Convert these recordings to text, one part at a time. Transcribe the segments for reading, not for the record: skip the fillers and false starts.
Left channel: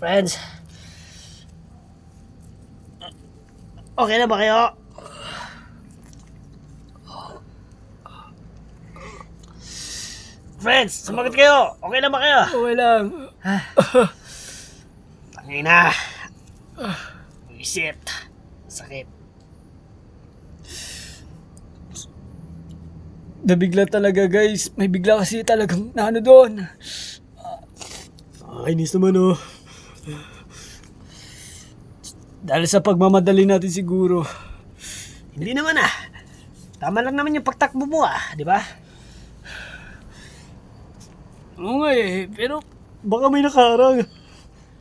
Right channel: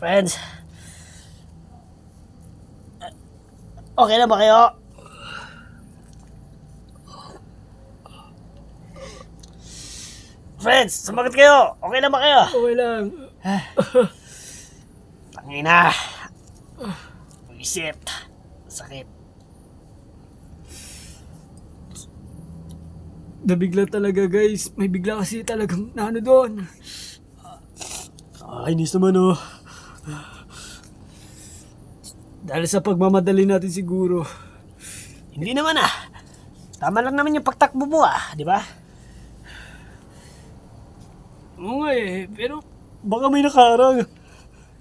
Friends, okay na ba kayo? Friends, sumagot kayo. Okay na ba kayo? Okay lang. Tangina. Isip. Sakit. Nabigla talaga guys. May bigla kasi talagang naano doon. Kainis naman oh. Dahil sa pagmamadali natin siguro. Hindi naman ah. Tama lang naman yung pagtakbo mo ah, di ba? Oo nga eh. Pero baka may nakaharang.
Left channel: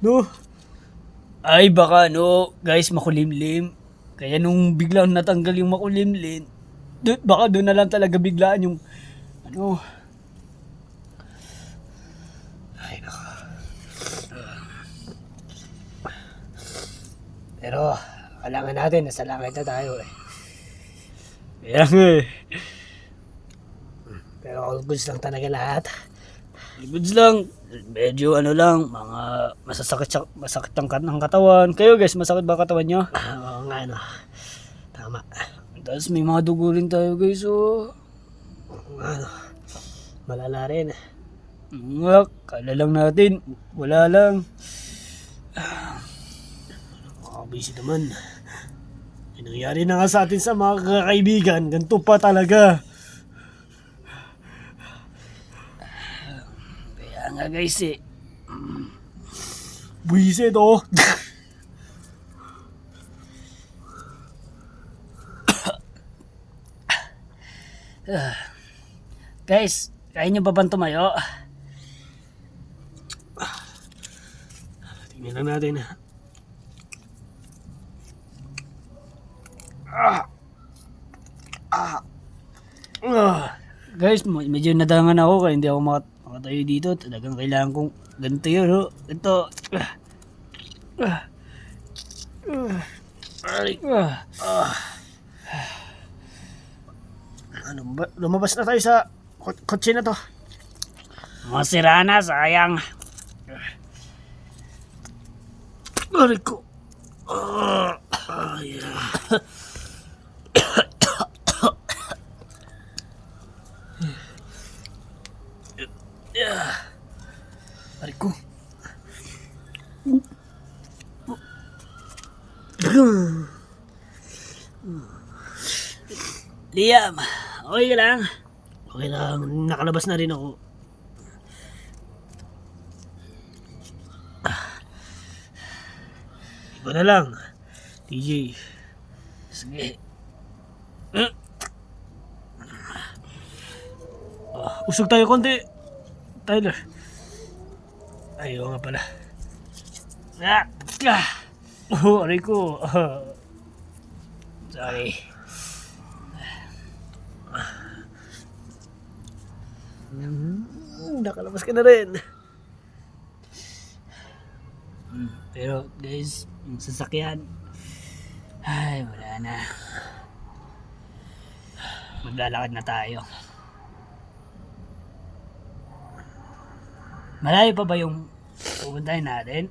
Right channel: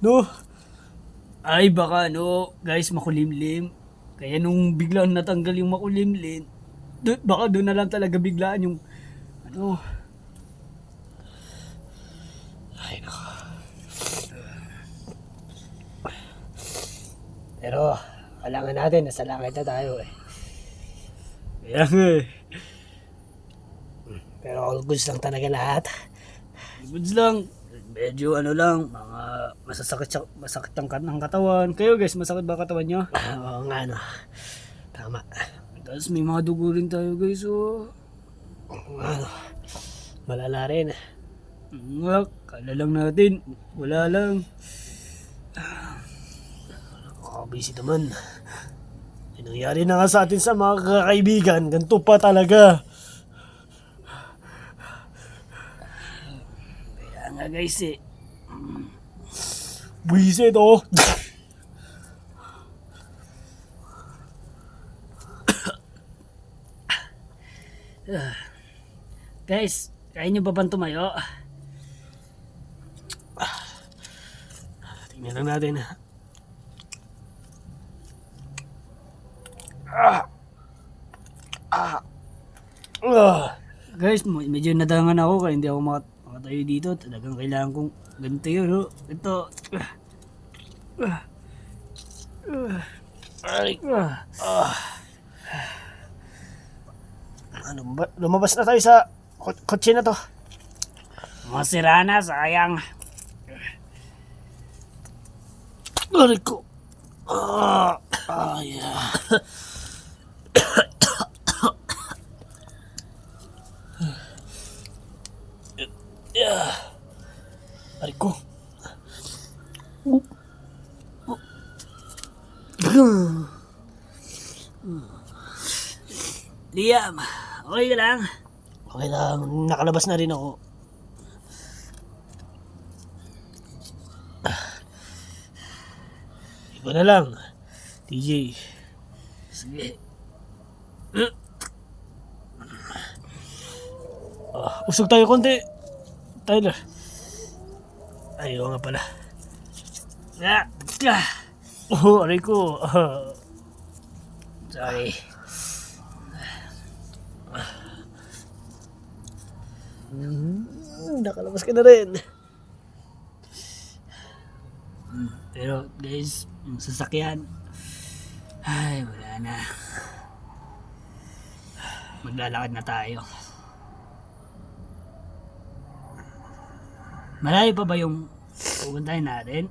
No? Ay baka no. Guys, makulimlim. Kaya nung biglang natanggal yung makulimlim, baka doon na lang talaga biglaan yung ano. Ay nako. Pero, kailangan natin, nasa langit na tayo eh. Kaya nga eh. Pero all goods lang talaga lahat. Goods lang. Medyo ano lang, mga masakit ang katawan. Kayo guys, masakit ba katawan nyo? Oo nga no. Tama. Tapos may mga dugo rin tayo guys, oh. Ano, malala rin. Nga, kala lang natin. Wala lang. Busy naman. May nangyari na nga sa atin sa mga kaibigan. Ganito pa talaga. Kaya nga guys eh. Buisit oh. Guys, kaya nyo ba bang tumayo? Tingnan lang natin. Guys, medyo nadangan ako kaya hindi ako makatayo dito. Talagang kailangan kong ganito yun, no? Ito. Ay, ano ba? Lumabas na tayo sa kotse na to. Masira na, sayang. Aray ko. Ay. Aray ko. Liam, okay ka lang? Okay lang, nakalabas na rin ako. Iba na lang. TJ. Sige. Usog tayo konti. Tyler. Ayaw nga pala. Oh, aray ko. Sorry. Nakalabas ka na rin. Pero guys, yung sasakyan, ay wala na. Maglalakad na tayo. Malayo pa ba yung pupuntahin natin?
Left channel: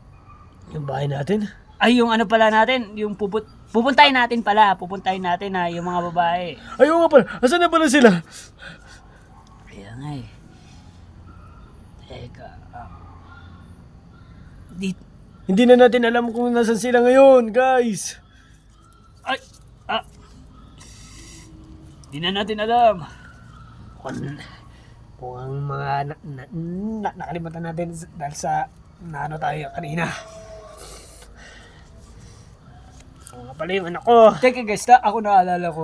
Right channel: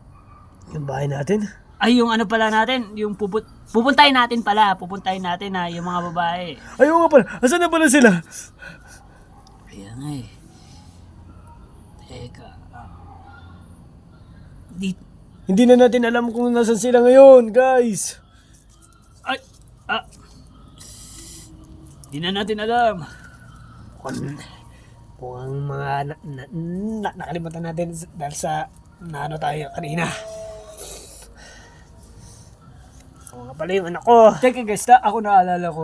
Yung bahay natin? Ay, yung ano pala natin, yung pupuntahin natin pala, pupuntahin natin ha, yung mga babae. Ayaw nga pala. Asan na pala sila? Kaya nga eh. Teka. Dito. Hindi na natin alam kung nasan sila ngayon, guys. Ay. Di na natin alam. Kung ang mga nakalimutan natin dahil sa naano tayo kanina. Oo nga pala yung anak ko. Teka guys, ako naalala ko,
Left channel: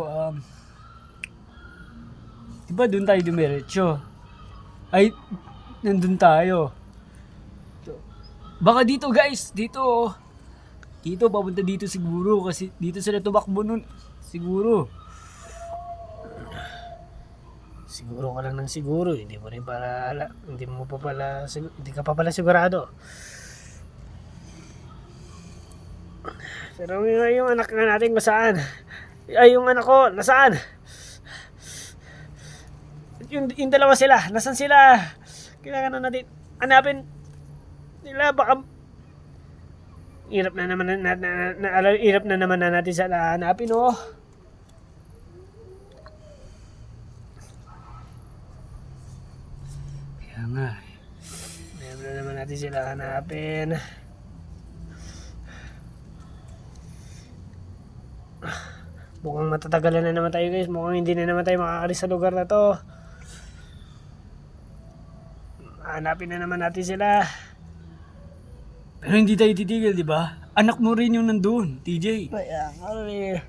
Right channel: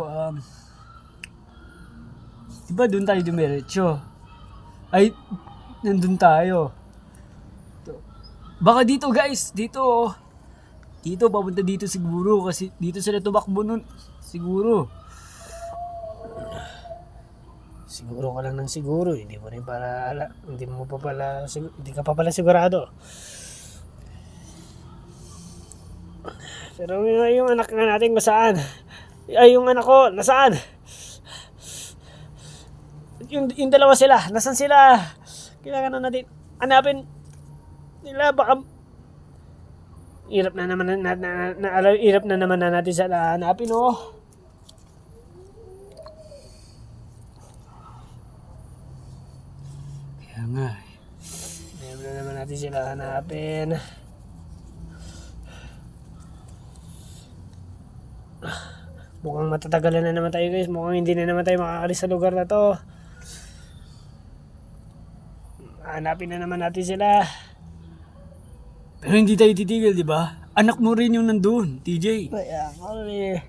diba doon tayo dumiretso? Ay, nandun tayo. Baka dito guys, dito. Dito, papunta dito siguro kasi dito sila tumakbo nun. Siguro. Siguro ka lang ng siguro, hindi mo rin para hindi ka pa pala sigurado. Pero yung anak nga natin nasaan? Ay, yung anak ko, nasaan? Yung dalawa sila, nasaan sila? Kailangan na natin hanapin nila, baka hirap na naman hirap na naman na natin sila hanapin, oh. Kaya nga. Hirap na naman natin sila hanapin. Mukhang matatagalan na naman tayo, guys. Mukhang hindi na naman tayo makakalis sa lugar na to. Hanapin na naman natin sila. Pero hindi tayo titigil, di ba? Anak mo rin yung nandun, TJ. Kaya nga eh.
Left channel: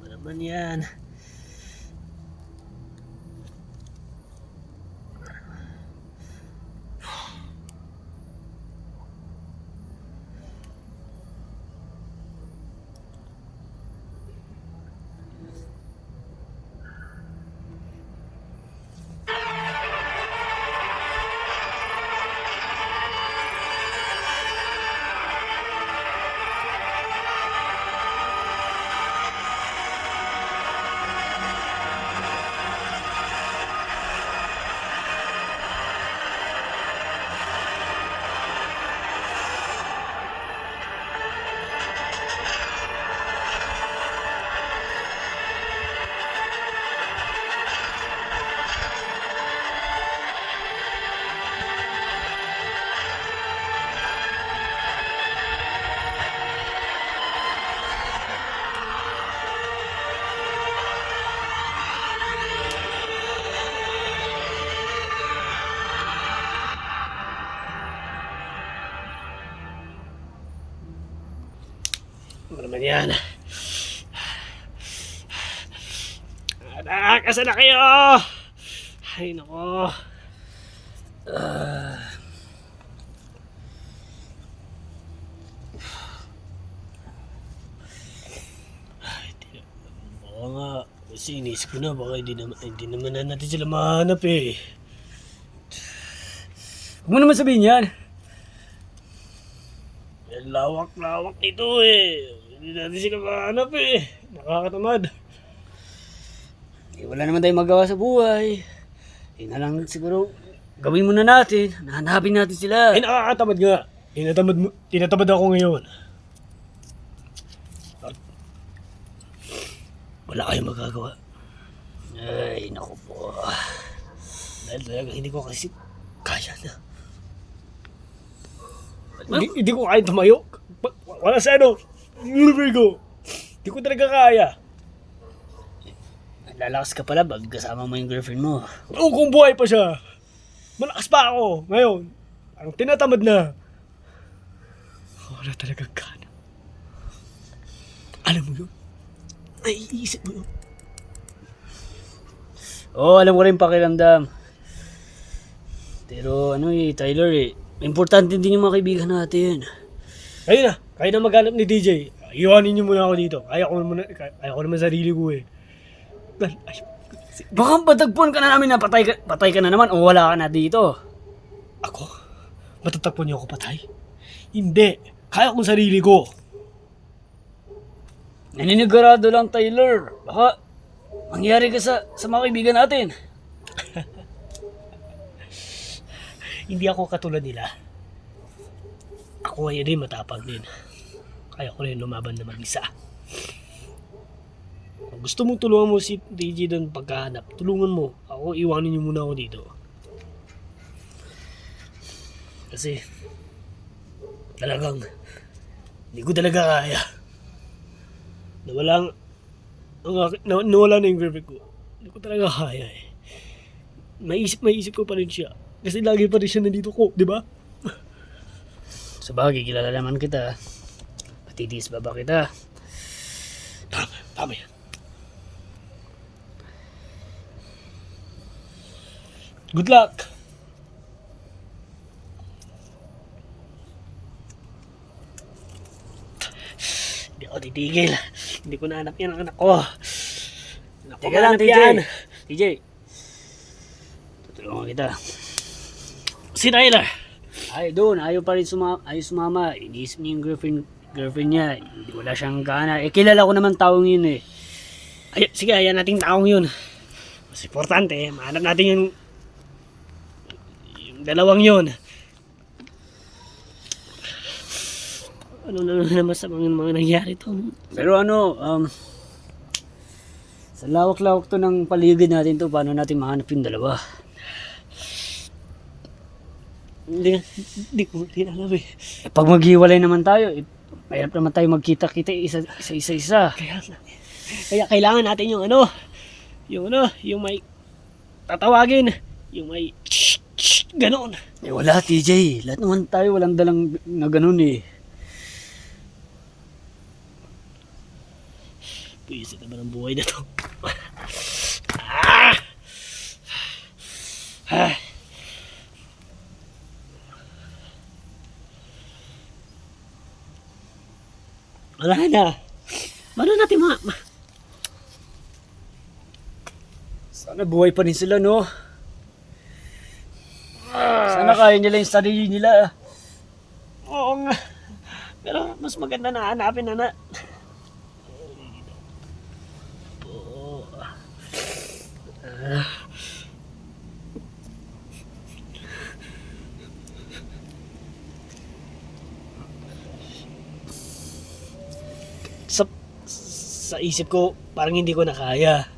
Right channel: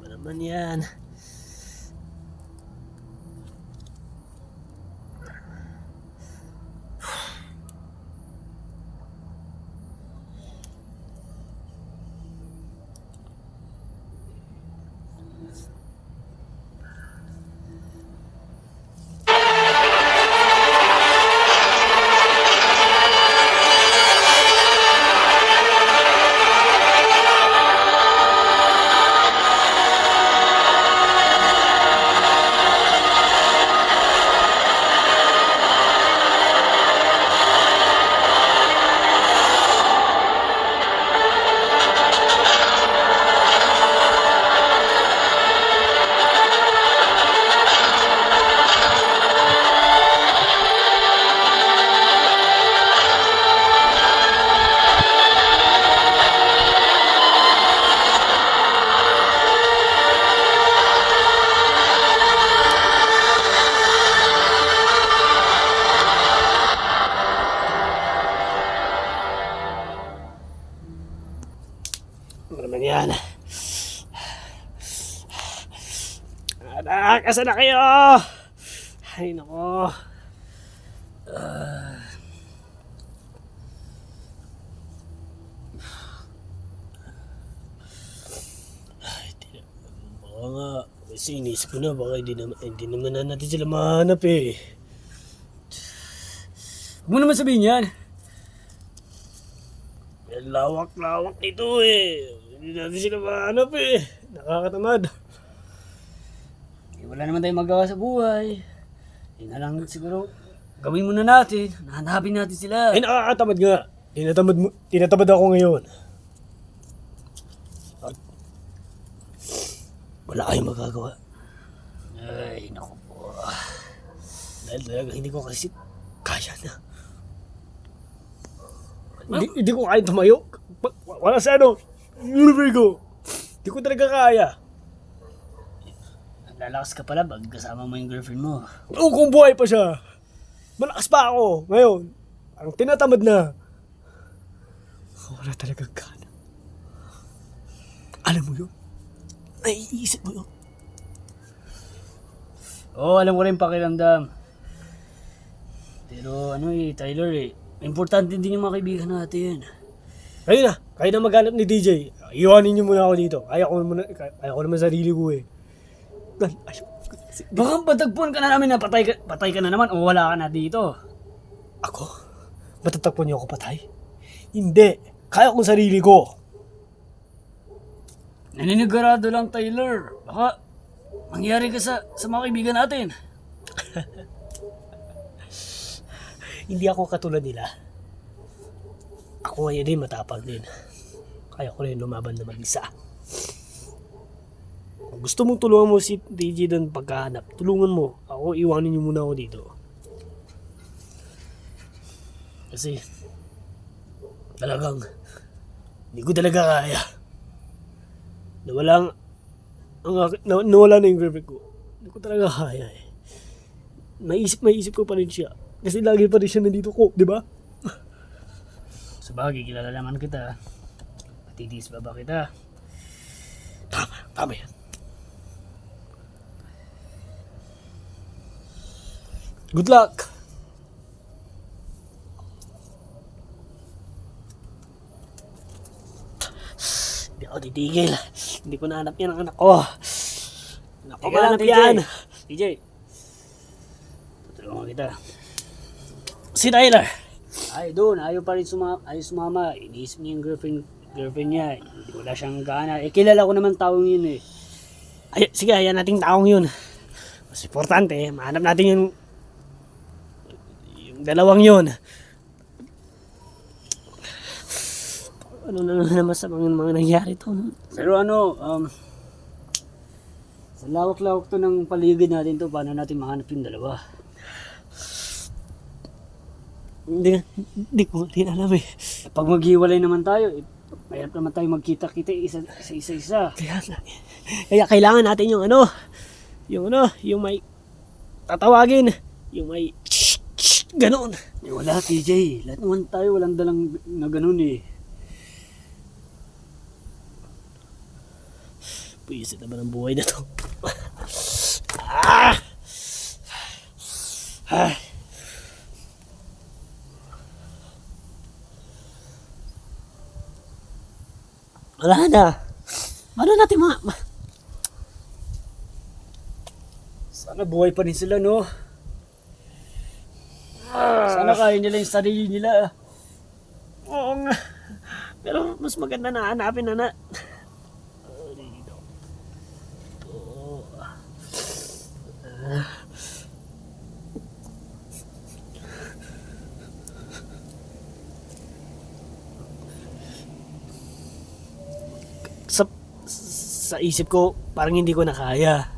Ano naman yan? Ano naman yan? Anak, asa na kayo? Ay, nako. Baka nga, kasi inisip ko na, baka hindi naman na natin sila mahanap eh. Huwag mo naman sabihin yan. Lawak-lawak nito eh. Hindi natin sila mahanap eh. Nakakatamad. Eh, wala naman tayong magawa sa buhay. Yun na lang siguro, gawin muna natin. Nahanapin natin sila. Ay, nakakatamad nga. Tinatamad ako ngayon. At wala kayong magagawa. Ay, naku po. Dahil talaga hindi ko kasi kaya na. Hindi ko kaya tumayo. Wala sa ano. Virgo. Hindi ko talaga kaya. Lalakas ka pala pag kasama mo yung girlfriend mo. Oo, kung buhay pa siya. Malakas pa ako. Ngayon, parang tinatamad na. Wala talagang gana. Alam mo yun? Naiisip mo yun? Oo, alam ko rin pakiramdam. Pero ano Tyler importante din yung mga kaibigan natin. Kayo na maghanap ni DJ. Iwanin niyo muna ako dito. Kaya ko naman sarili ko eh. Baka patagpuan ka na namin na patay ka na naman o wala ka na dito. Ako? Matatakpan niyo ako patay? Hindi. Kaya kong sarili ko. Naninigurado lang Tyler. Baka mangyari ka sa mga kaibigan natin. Hindi ako katulad nila. Ako ngayon din matapang din. Kaya ko rin lumaban na mag-isa. Kung gusto mong tulungan mo si DJ doon pagkahanap, tulungan mo. Ako, iwanin niyo muna ako dito. Kasi, talagang, hindi ko talaga kaya. Nawala na yung girlfriend ko. Hindi ko talaga kaya eh. Maisip ko pa rin siya. Kasi lagi pa rin siya nandito ko, di ba? Sa bagay, kilala naman kita. Matitiis ba kita? Tama yan. Good luck! Hindi ako titigil. Hindi ko nahanap yan ang anak ko. Anak ko Teka lang, mahanap yan. TJ, tutulungan kita. Si Tyler. Ay, doon. Ayaw pa rin sumama. Iniisip niya yung girlfriend niya. Hindi wala siyang gana. Eh, kilala ko naman taong yun eh. Ay, sige, ayan nating taong yun. Mas importante, mahanap natin yung dalawang yun. Ano na naman sa mga nangyari to? Pero ano, sa lawak-lawak to ng paligid natin to, paano natin mahanap yung dalawa? Hindi ko din alam eh. Eh, pag maghiwalay naman tayo, mahirap naman tayo magkita-kita isa-isa. Kaya kailangan natin yung yung may tatawagin, yung may ganoon. Eh wala TJ, lahat naman tayo walang dalang na ganun eh. Puisit naman ang buhay na to. Ah! Ah! Wala na. Paano natin Sana buhay pa rin sila, no? Sana kaya nila yung sarili nila. Oo nga. Pero mas maganda na hanapin na. Sa isip ko, parang hindi ko na kaya.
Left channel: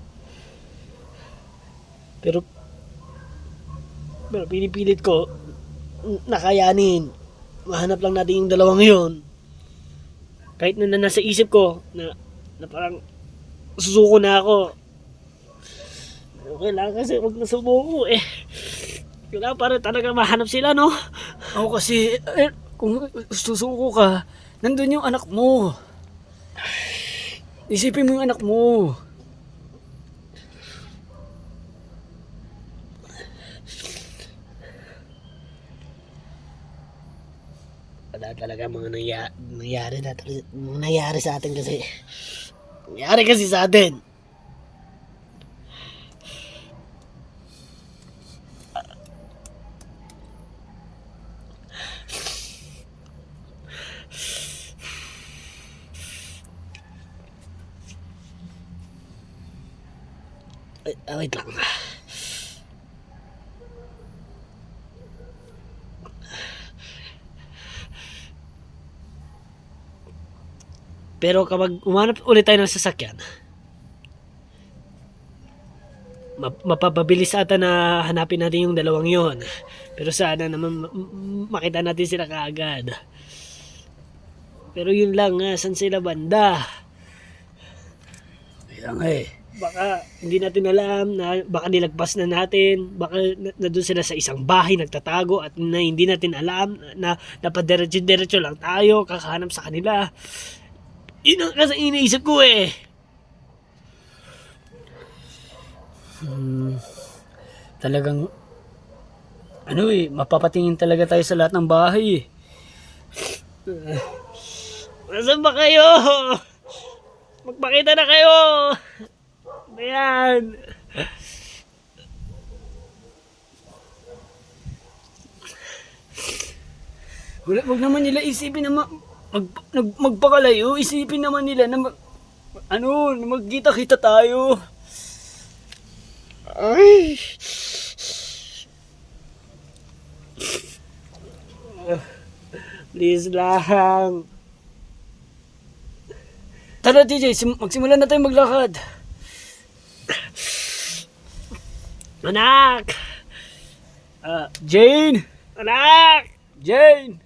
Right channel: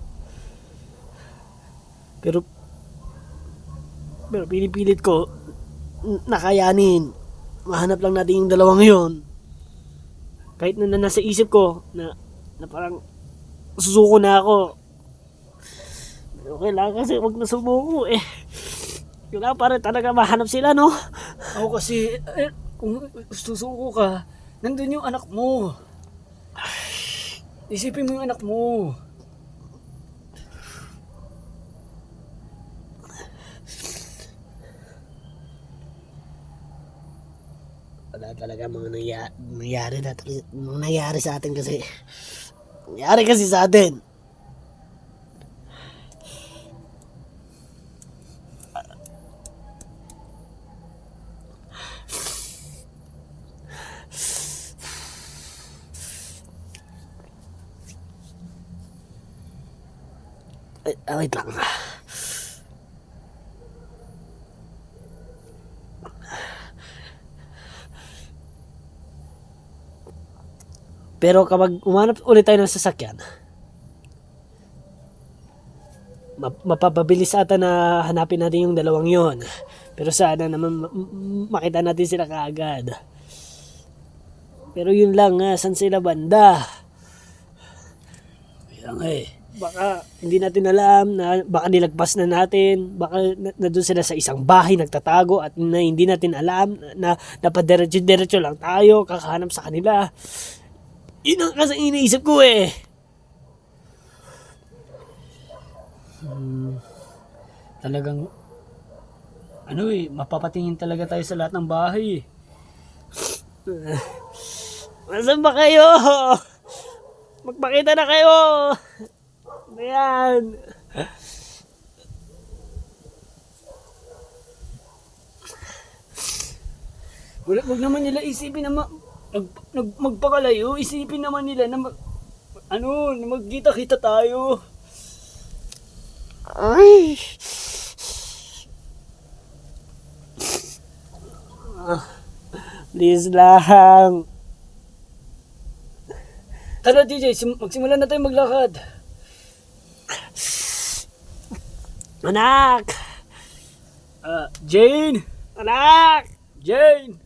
Pero pinipilit ko nakayanin. Mahanap lang natin yung dalawang yon. Kahit na nasa isip ko na parang susuko na ako. Pero kailangan kasi wag na sumuko eh. Kailangan para talaga mahanap sila, no? Ako kasi, kung susuko ka, nandun yung anak mo. Isipin mo yung anak mo. Wala talaga mga nangyari sa atin kasi. Nangyari kasi sa atin. Wait lang. Pero kapag umanap ulit tayo ng sasakyan, mapapabilis ata na hanapin natin yung dalawang yon. Pero sana naman makita natin sila kaagad. Pero yun lang nga, saan sila banda? Kaya nga eh. Baka hindi natin alam na baka nilagpas na natin, baka na doon sila sa isang bahay nagtatago at na hindi natin alam na napadiretso-diretso lang tayo kakahanap sa kanila. Yun ang kasi iniisip ko eh. Talagang ano eh, mapapatingin talaga tayo sa lahat ng bahay eh. Nasaan ba kayo? Magpakita na kayo. Ayan. Wag naman nila isipin na magpakalayo. Isipin naman nila na na magkita-kita tayo. Ay. Please lang. Tara TJ, magsimula na tayo maglakad. Anak! Jane! Anak! Jane!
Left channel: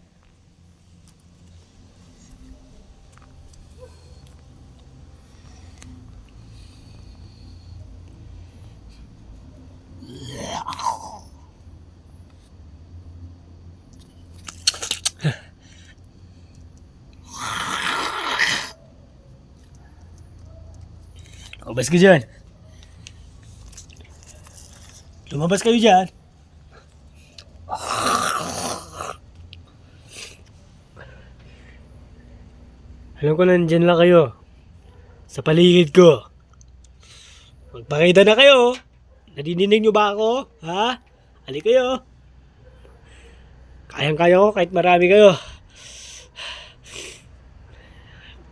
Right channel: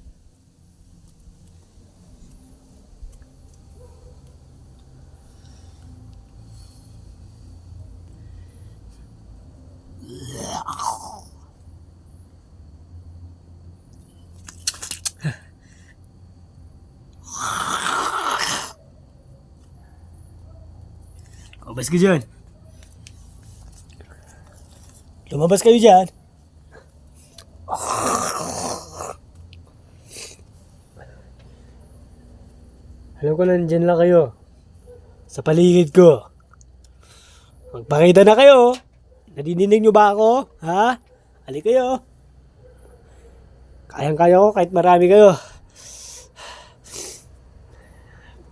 Lumabas ka dyan. Lumabas kayo dyan. Alam ko nandyan lang kayo. Sa paligid ko. Magpakita na kayo. Nadidinig nyo ba ako? Ha? Halik kayo. Kayang-kaya ko kahit marami kayo.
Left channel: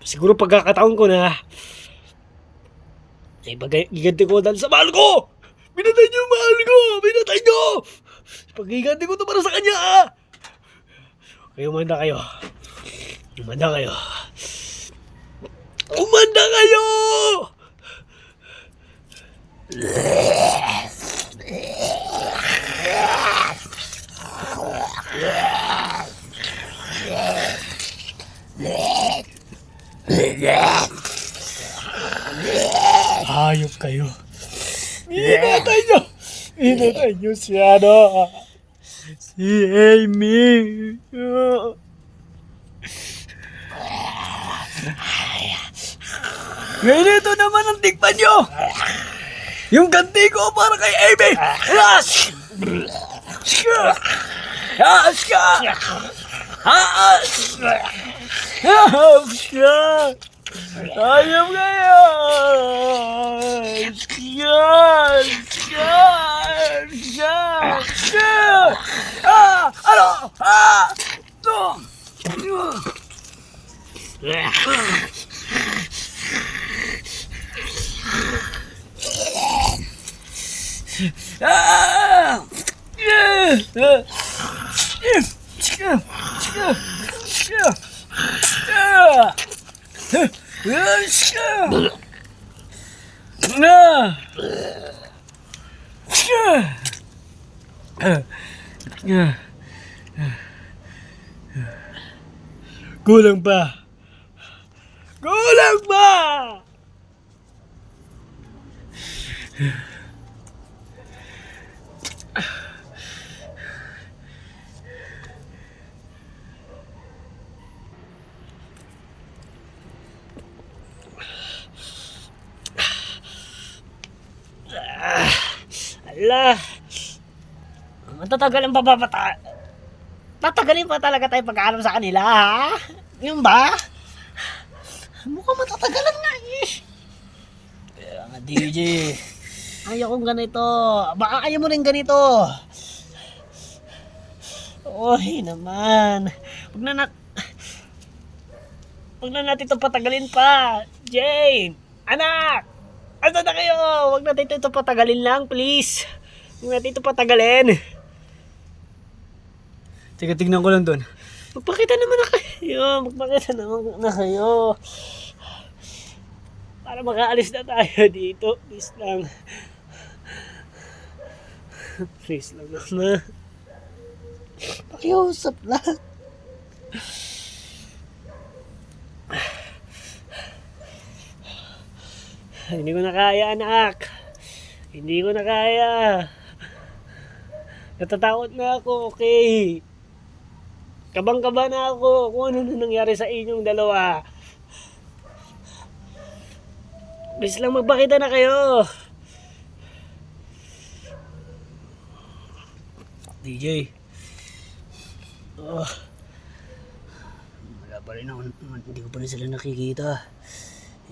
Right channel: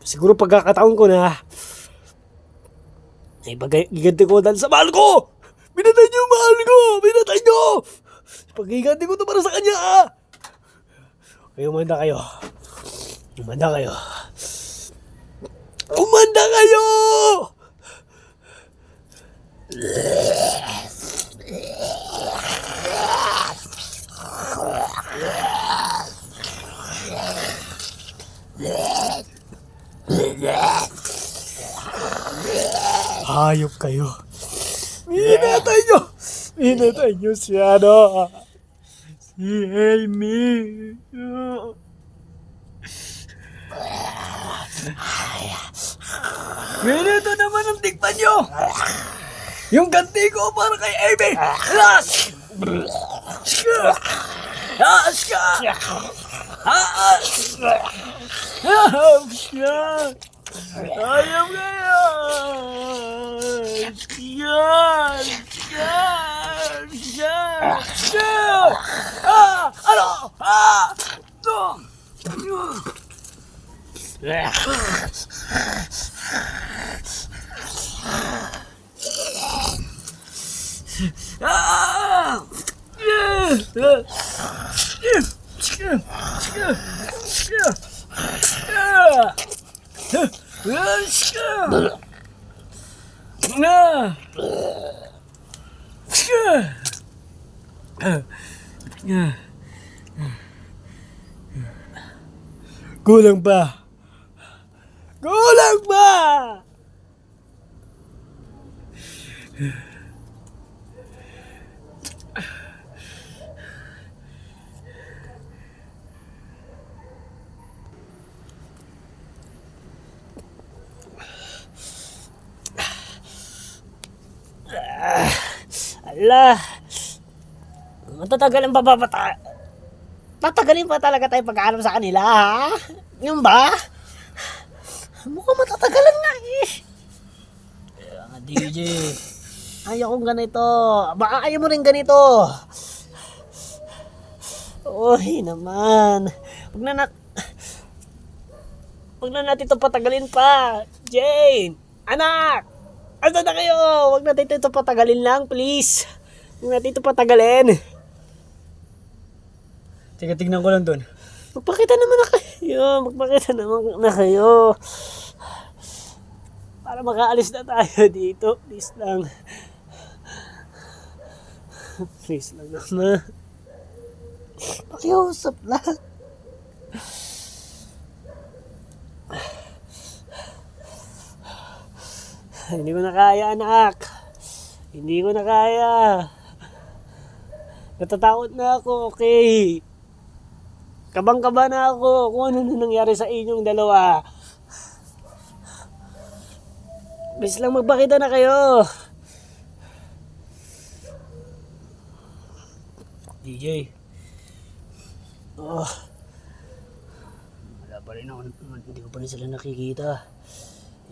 Siguro pagkakataon ko na ay pag-iganti ko dahil sa mahal ko. Pinatay niyo yung mahal ko. Pinatay niyo. Pag-iganti ko to para sa kanya. Okay, umanda kayo. Umanda kayo. Umanda kayo! Hayop kayo. Hinatay nyo! Hinatay nyo si ano? Si Amy. Ngayon ito naman ang tikman nyo! Yung ganti ko para kay Amy! Haas! Haas ka! Haas! Haas ka! Ayam kayo! Yan! Yan! Yan! Ano? Kulang pa. Kulang pa! Ala. Matatagal ang bababata. Tatagalin pa talaga tayo pag-aalam sa kanila, ha? Yung ba? Mukhang matatagalan nga eh. Kaya nga, DJ. Ayaw kong ganito. Baka ayaw mo rin ganito. Uy naman. Huwag na natin ito patagalin pa. Jane! Anak! Ano na kayo? Huwag natin ito patagalin lang, please. Huwag natin ito patagalin. Teka, tignan ko lang doon. Magpakita naman na kayo. Magpakita naman na kayo. Para makaalis na tayo dito. Please lang. Please lang naman. Pakiusap lang. Hindi ko na kaya, anak. Hindi ko na kaya. Natatakot na ako, okay? Kabang-kaba na ako kung ano na nangyari sa inyong dalawa. Please lang magpakita na kayo. DJ. Oh, Wala pa rin ako. Hindi ko pa rin sila nakikita.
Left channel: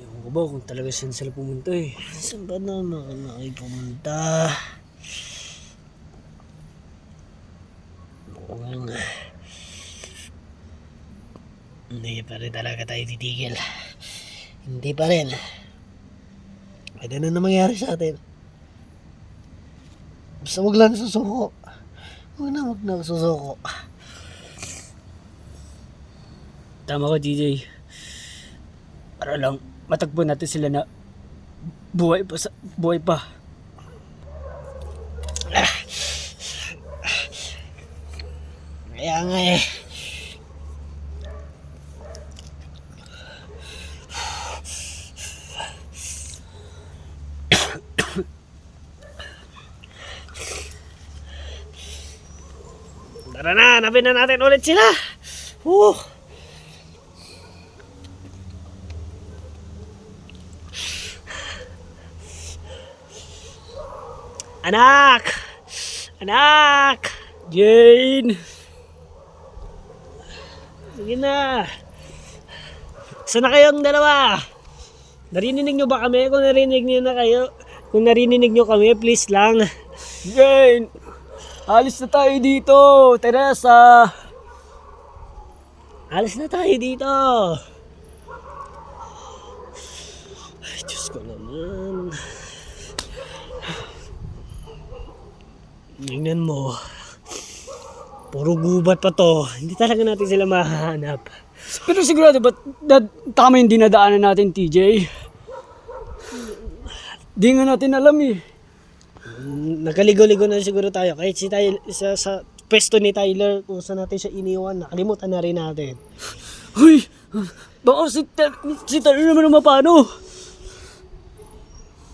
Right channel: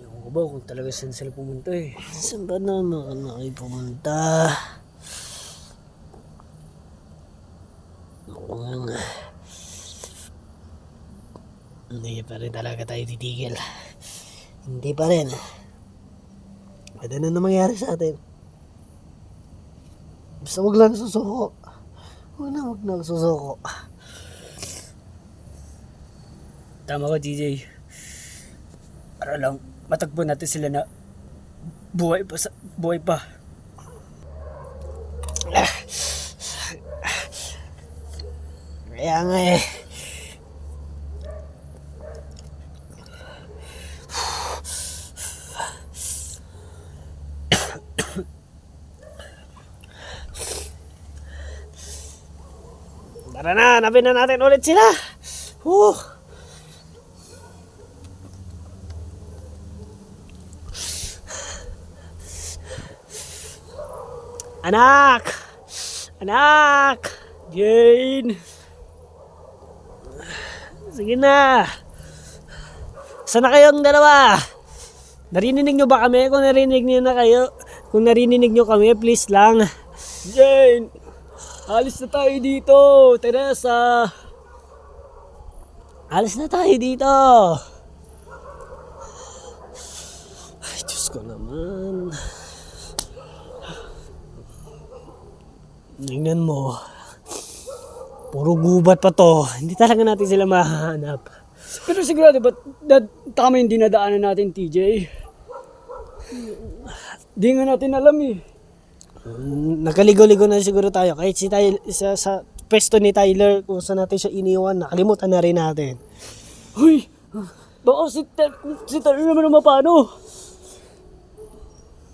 Ewan ko ba kung talaga saan sila pumunta eh. saan ba naman ako pumunta? Mukhang hindi pa rin talaga tayo titigil. Hindi pa rin. Pwede na mangyari sa atin. Basta wag lang susuko. Wag na susuko. Tama ka, DJ. Para lang matagpo natin sila na buhay pa. Kaya nga eh. Tara na, hanapin na natin ulit sila. Anak! Anak! Jane! Sige na. Saan na kayong dalawa? Narinig nyo ba kami? Kung narinig nyo na kayo, kung narinig nyo kami, please lang. Jane! Alis na tayo dito, Teresa! Alis na tayo dito. Diyos ko naman. Tingnan mo. Puro gubat pa to. Hindi talaga natin sila mahahanap. Pero sigurado ba tama yung dinadaanan natin, TJ? Di nga natin alam eh. Nagkaligo-ligo na siguro tayo. Kahit si Tyler, sa pwesto ni Tyler, kung saan natin siya iniwan, nakalimutan na rin natin. Uy! Baka si Tyler naman ang mapano.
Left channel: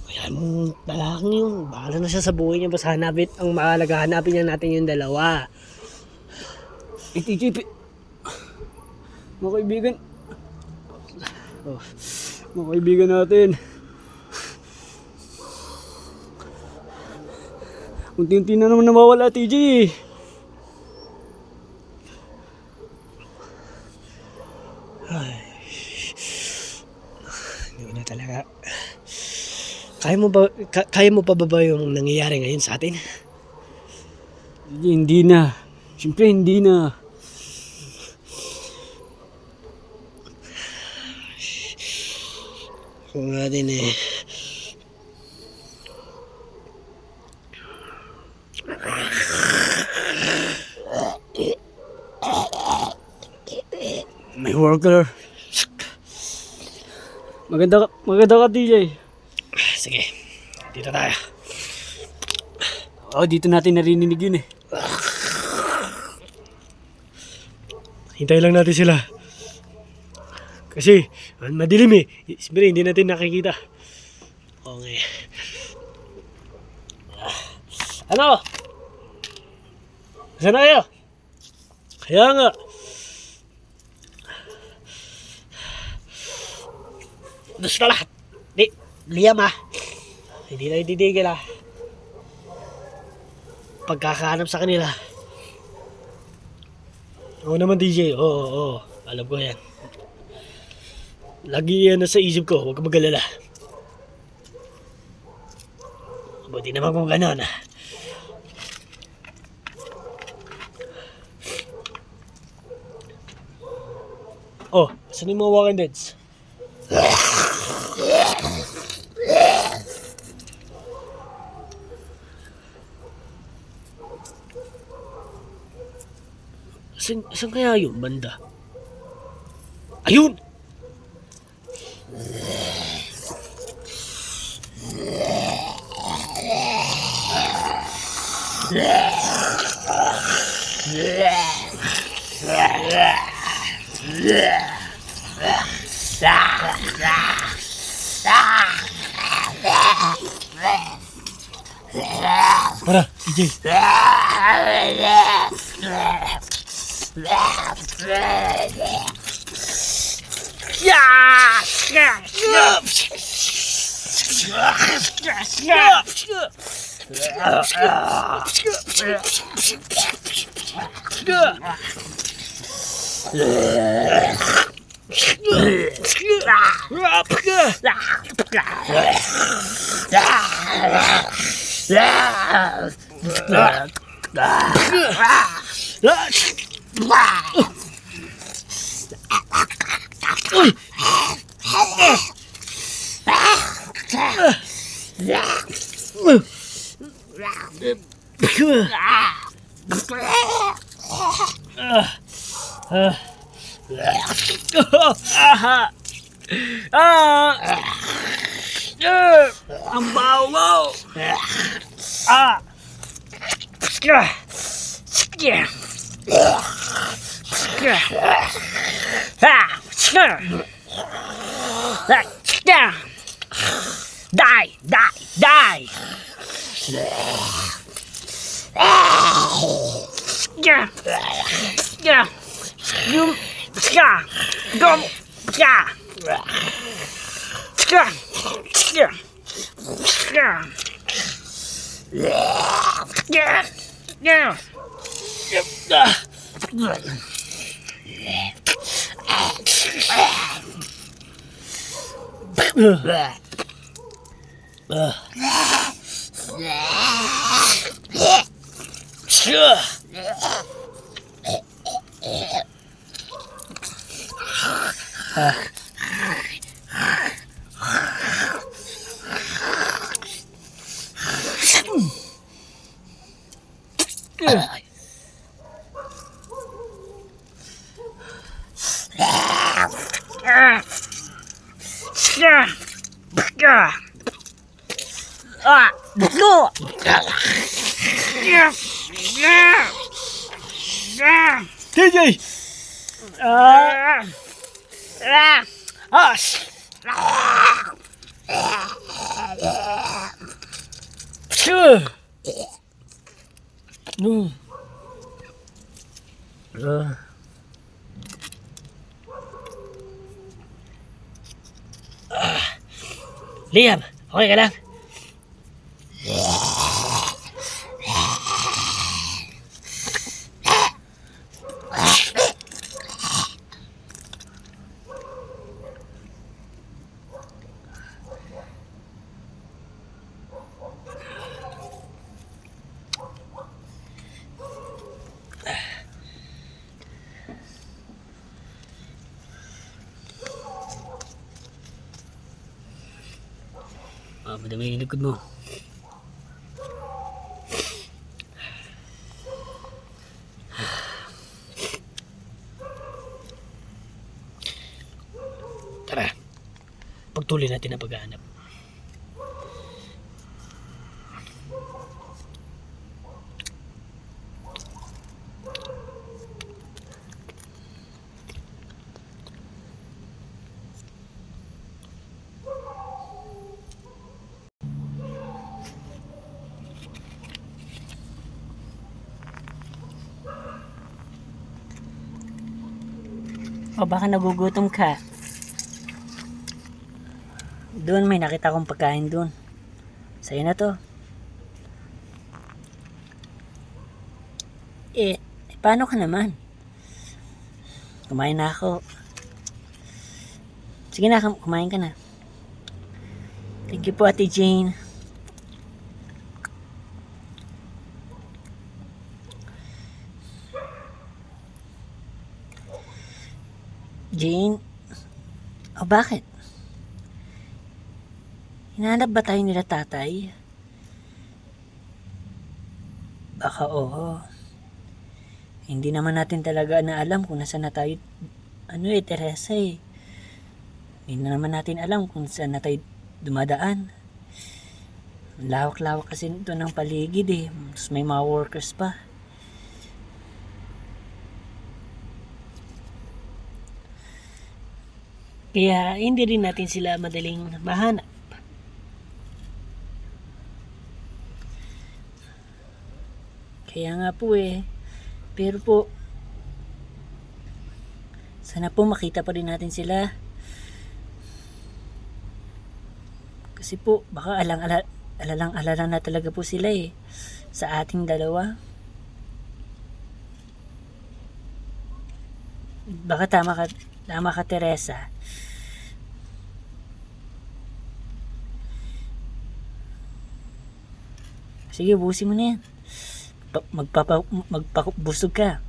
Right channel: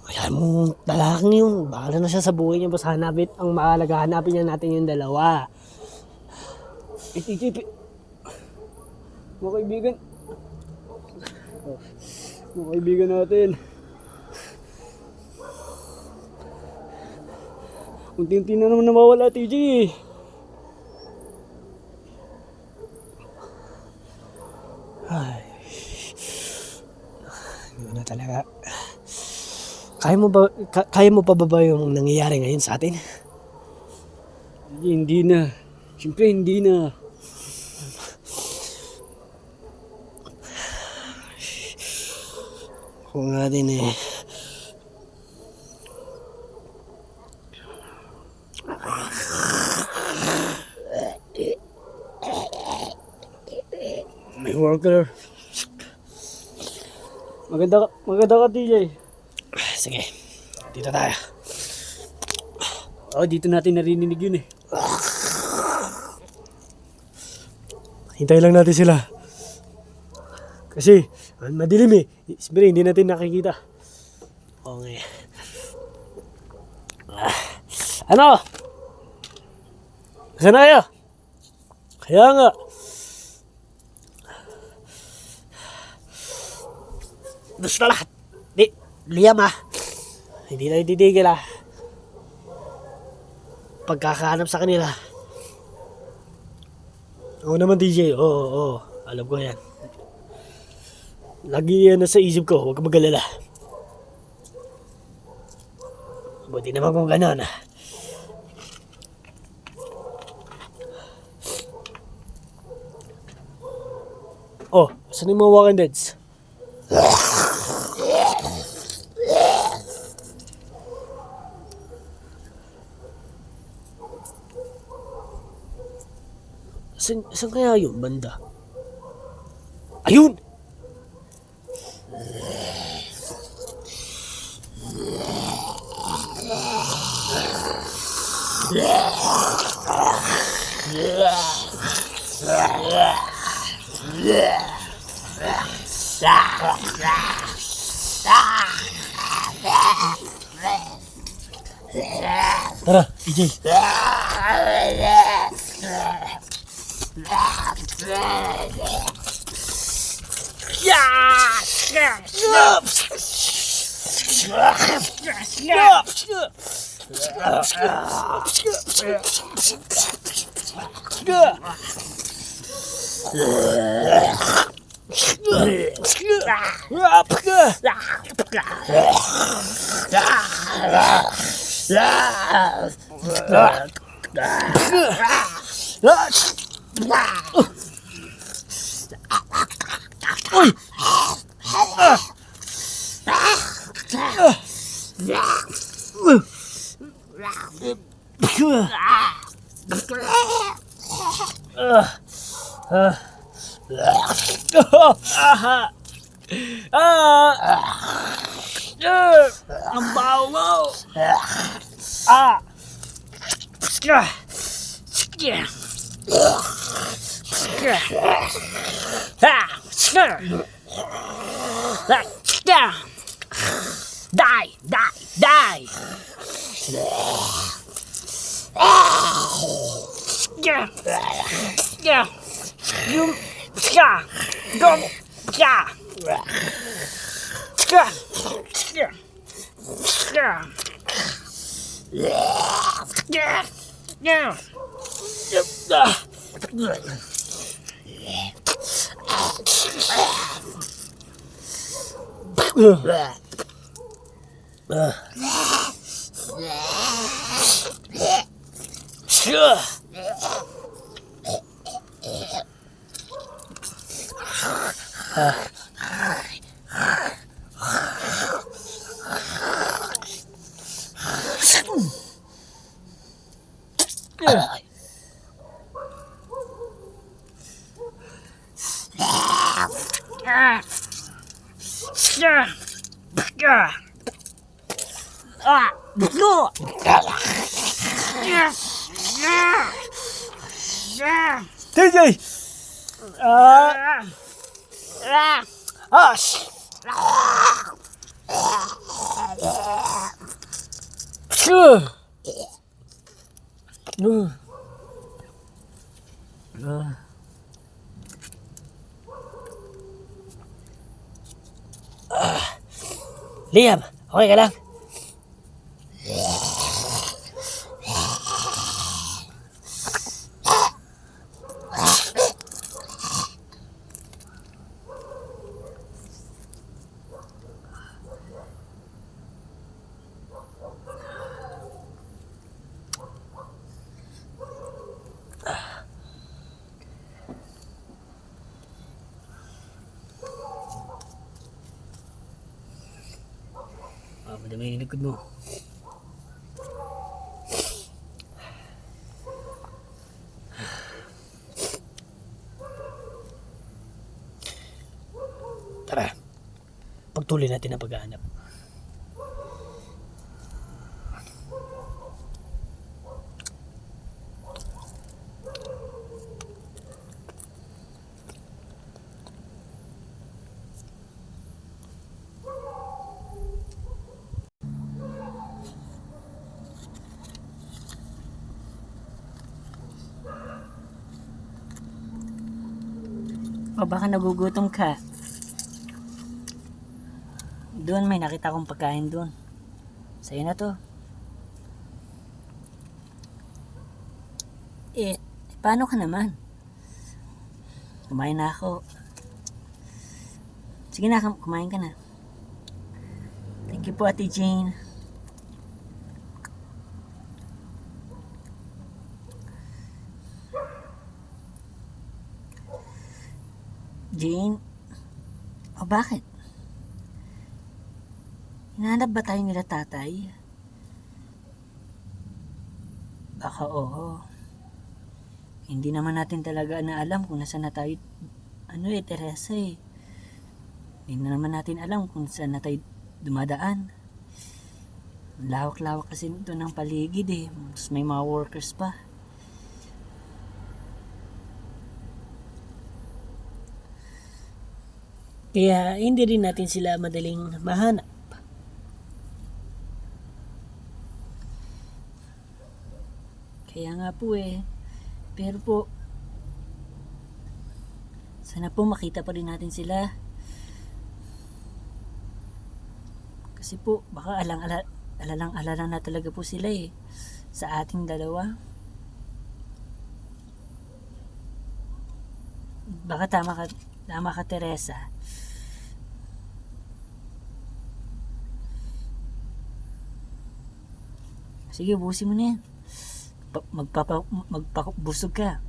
Kaya mong talagang yun. Bahala na siya sa buhay niya. Basta hanapin, ang mahalaga, hanapin niya natin yung dalawa. TJ, mga kaibigan. Mga kaibigan natin. Unti-unti na naman nawawala, TJ. Ay. Hindi ko na talaga. Kaya mo pa ba yung nangyayari ngayon sa atin? Hindi na. Siyempre, hindi na. Ako nga din eh. May worker. Maganda ka, TJ. Sige, dito tayo. Oh, dito natin narinig yun eh. Hintay lang natin sila. Kasi, madilim eh. Siyempre, hindi natin nakikita. Okay. Ano? Saan na kayo? Kaya nga. Gusto na lahat. Liam ah. Hindi tayo titigil ah. Pagkakahanap sa kanila. Oo naman DJ, oo. Alam ko yan. Lagi yan nasa isip ko, huwag ka mag-alala. Buti naman kung gano'n ah. Oh, saan yung mga Walking Deads? Saan kaya yun, banda? Ayun! Tara, EJ. Uy! Ang baho mo! Die! Buklo! TJ! As! Sure! Liam, okay ka lang? Madami yung likod mo. Tara, pagtuloy natin ang paghahanap. O baka nagugutom ka. Doon may nakita kong pagkain doon. Sa'yo na to. Paano ka naman? Kumain na ako. Sige na, kumain ka na. Thank you po, Ate Jane. Jane? O bakit? Hinahanap ba tayo nila tatay? Baka oo. Hindi naman natin talaga na alam kung nasa na tayo. Teresa eh. Hindi na naman natin alam kung saan na tayo dumadaan. Lawak-lawak kasi ito ng paligid eh. Tapos may mga workers pa. Kaya hindi rin natin sila madaling mahanap. Kaya nga po eh. Pero po, sana po makita pa rin natin sila. Kasi po, baka alalang-alala na talaga po sila eh. Sa ating dalawa. Baka tama ka Teresa. Sige, ubusin mo na yan. Magpabusog ka.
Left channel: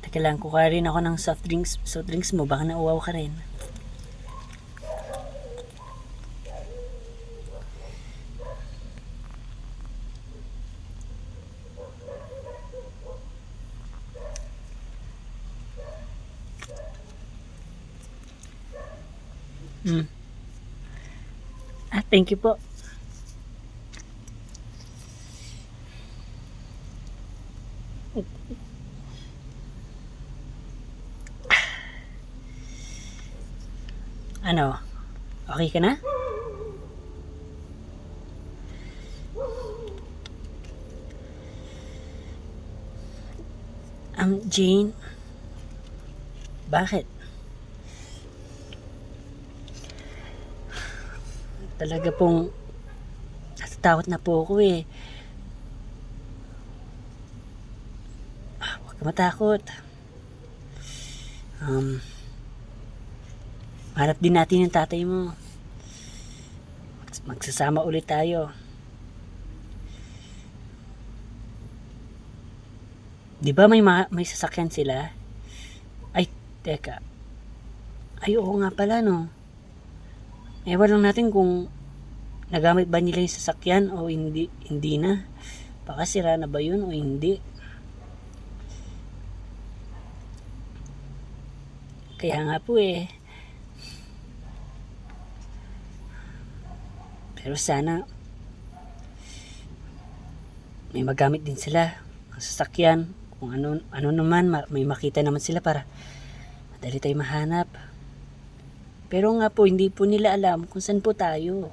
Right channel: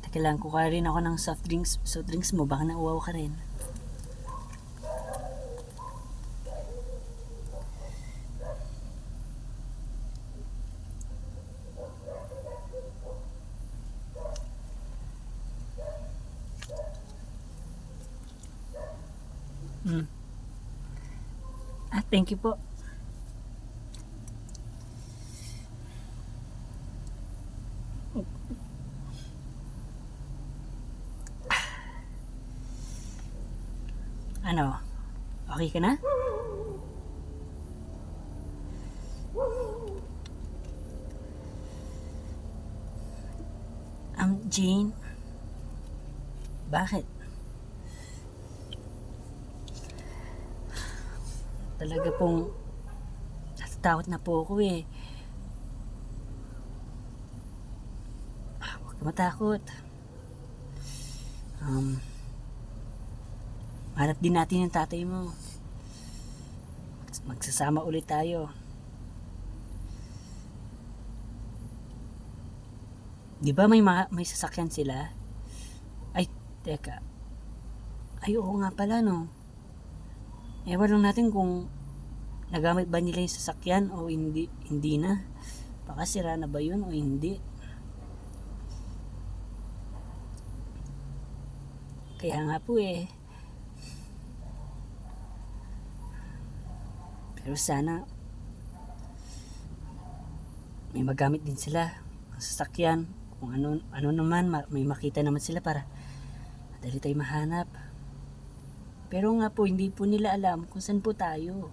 Teka lang, kukuha rin ako ng soft drinks mo. Baka nauwaw ka rin. Thank you po. Ano? Okay ka na? Jane? Bakit? Talaga pong natatakot na po ako eh. Huwag ka matakot. Hanap din natin yung tatay mo. Magsasama ulit tayo. Di ba may sasakyan sila? Ay, teka. Ay, oo nga pala no. Ewan lang natin kung nagamit ba nila yung sasakyan o hindi na. Baka sira na ba yun o hindi. Kaya nga po pero sana may magamit din sila ang sasakyan. Kung ano naman, may makita naman sila para madali tayo mahanap. Pero nga po, hindi po nila alam kung saan po tayo.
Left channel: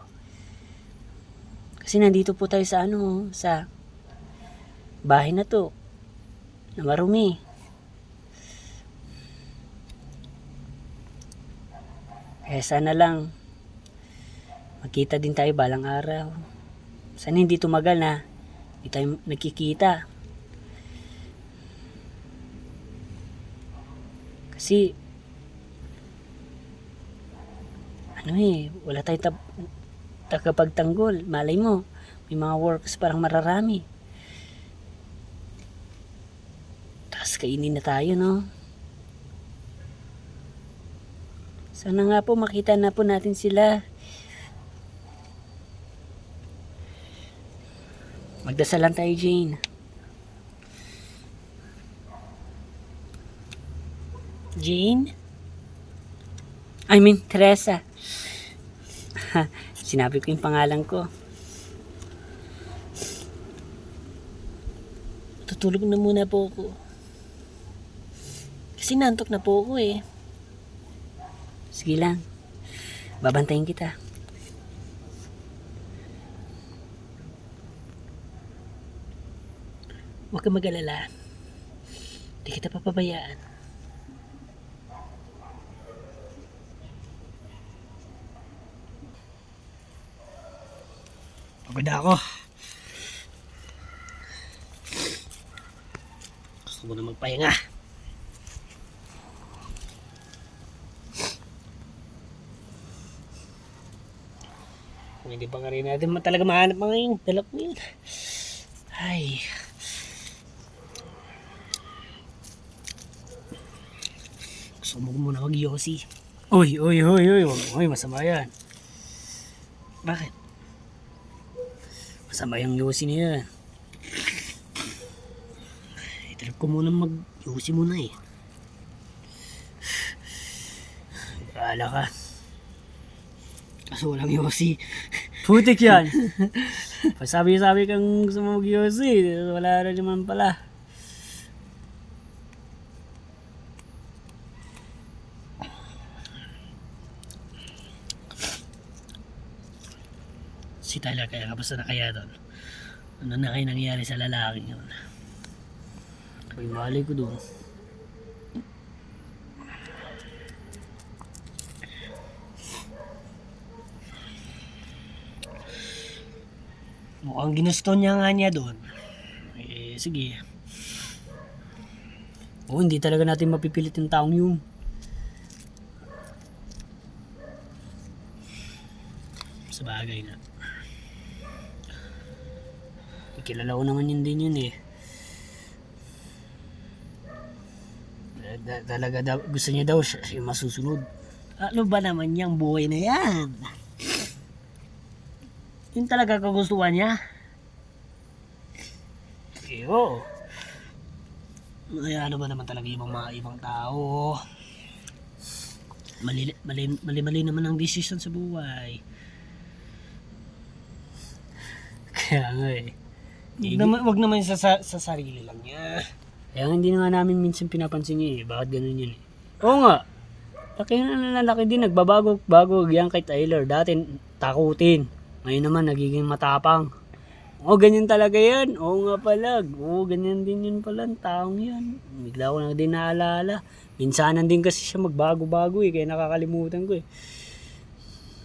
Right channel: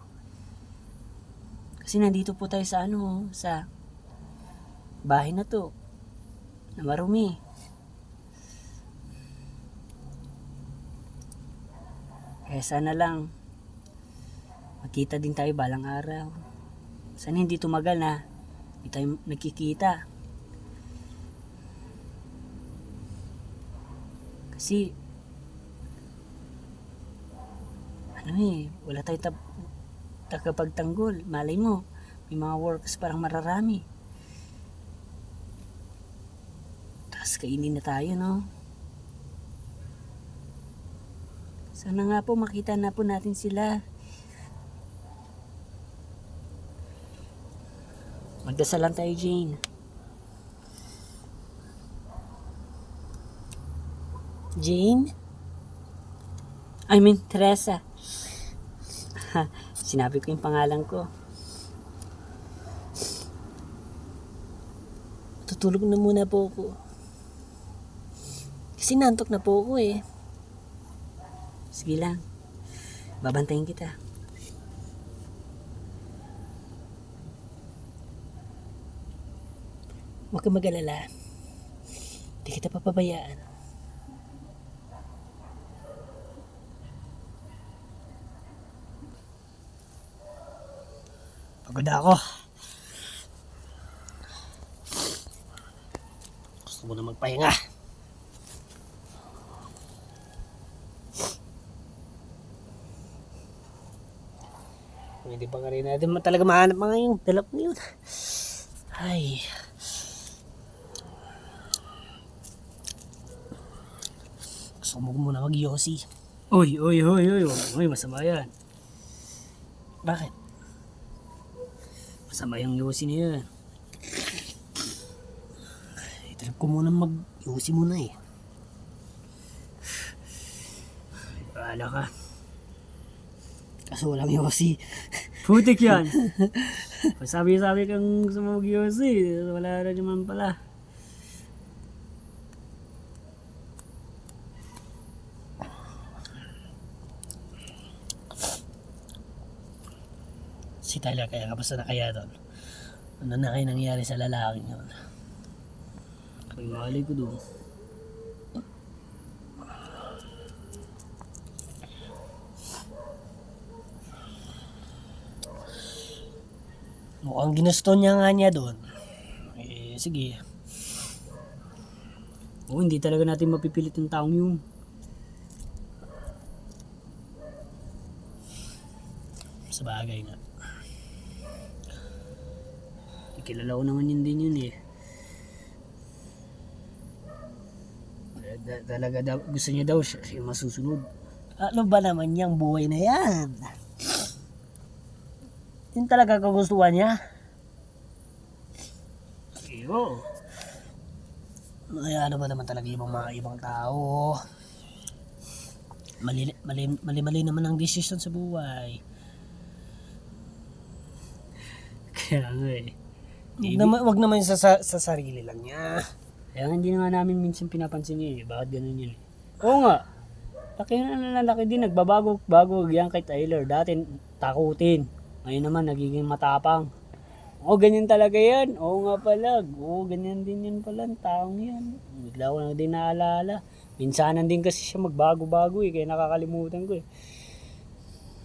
Kasi nandito po tayo sa sa bahay na to, na marumi. Kaya sana lang, magkita din tayo balang araw. Sana hindi tumagal na hindi tayo nagkikita. Kasi, wala tayong tagapagtanggol. Malay mo, may mga workers parang mararami. Tapos kainin na tayo, no? Sana nga po makita na po natin sila. Magdasalan tayo, Jane. Jane? I mean, Teresa. Sinabi ko yung pangalan ko. Tutulog na muna po ako. Kasi nantok na po ako Sige lang. Babantayin kita. Huwag kang mag-alala. Hindi kita papabayaan. Pagod ako. Gusto ko na magpahinga. Kung hindi pa nga rin natin talaga mahanap mga yung dalap mo yun. Ay. Gusto mo muna mag-yosi. Uy, masama yan. Bakit? Masama yung yosi niya. Itrip ko muna mag-yosi muna Bahala ka. Kaso walang yosi. Putik yan. Sabi kang gusto mo mag-yosi. Wala na naman pala. Si Tyler kaya kapasa na kaya doon. Ano na kayo nangyari sa lalaking yun? Ay, malay ko doon. Mukhang ginusto niya doon. Sige. Oo, hindi talaga natin mapipilit yung taong yun. Sa bagay na. Kilala ko naman yun din yun Talaga gusto niya daw siya yung masusunod. Ano ba naman yung buhay na yan? Yun talaga kagustuhan niya? Oo. Ay, ano ba naman talaga yung mga ibang tao? Mali naman ang decision sa buhay. Kaya nga Wag naman sa sarili lang niya. Kaya hindi na nga namin minsan pinapansin niya Bakit ganun yun Oo nga. Laki din. Nagbabago yan kay Tyler. Dati takutin. Ngayon naman nagiging matapang. Ganyan talaga yan. Oo nga pala. Ganyan din yun pala. Ang taong yan. Bigla ko na din naalala. Minsanan din kasi siya magbago-bago Kaya nakakalimutan ko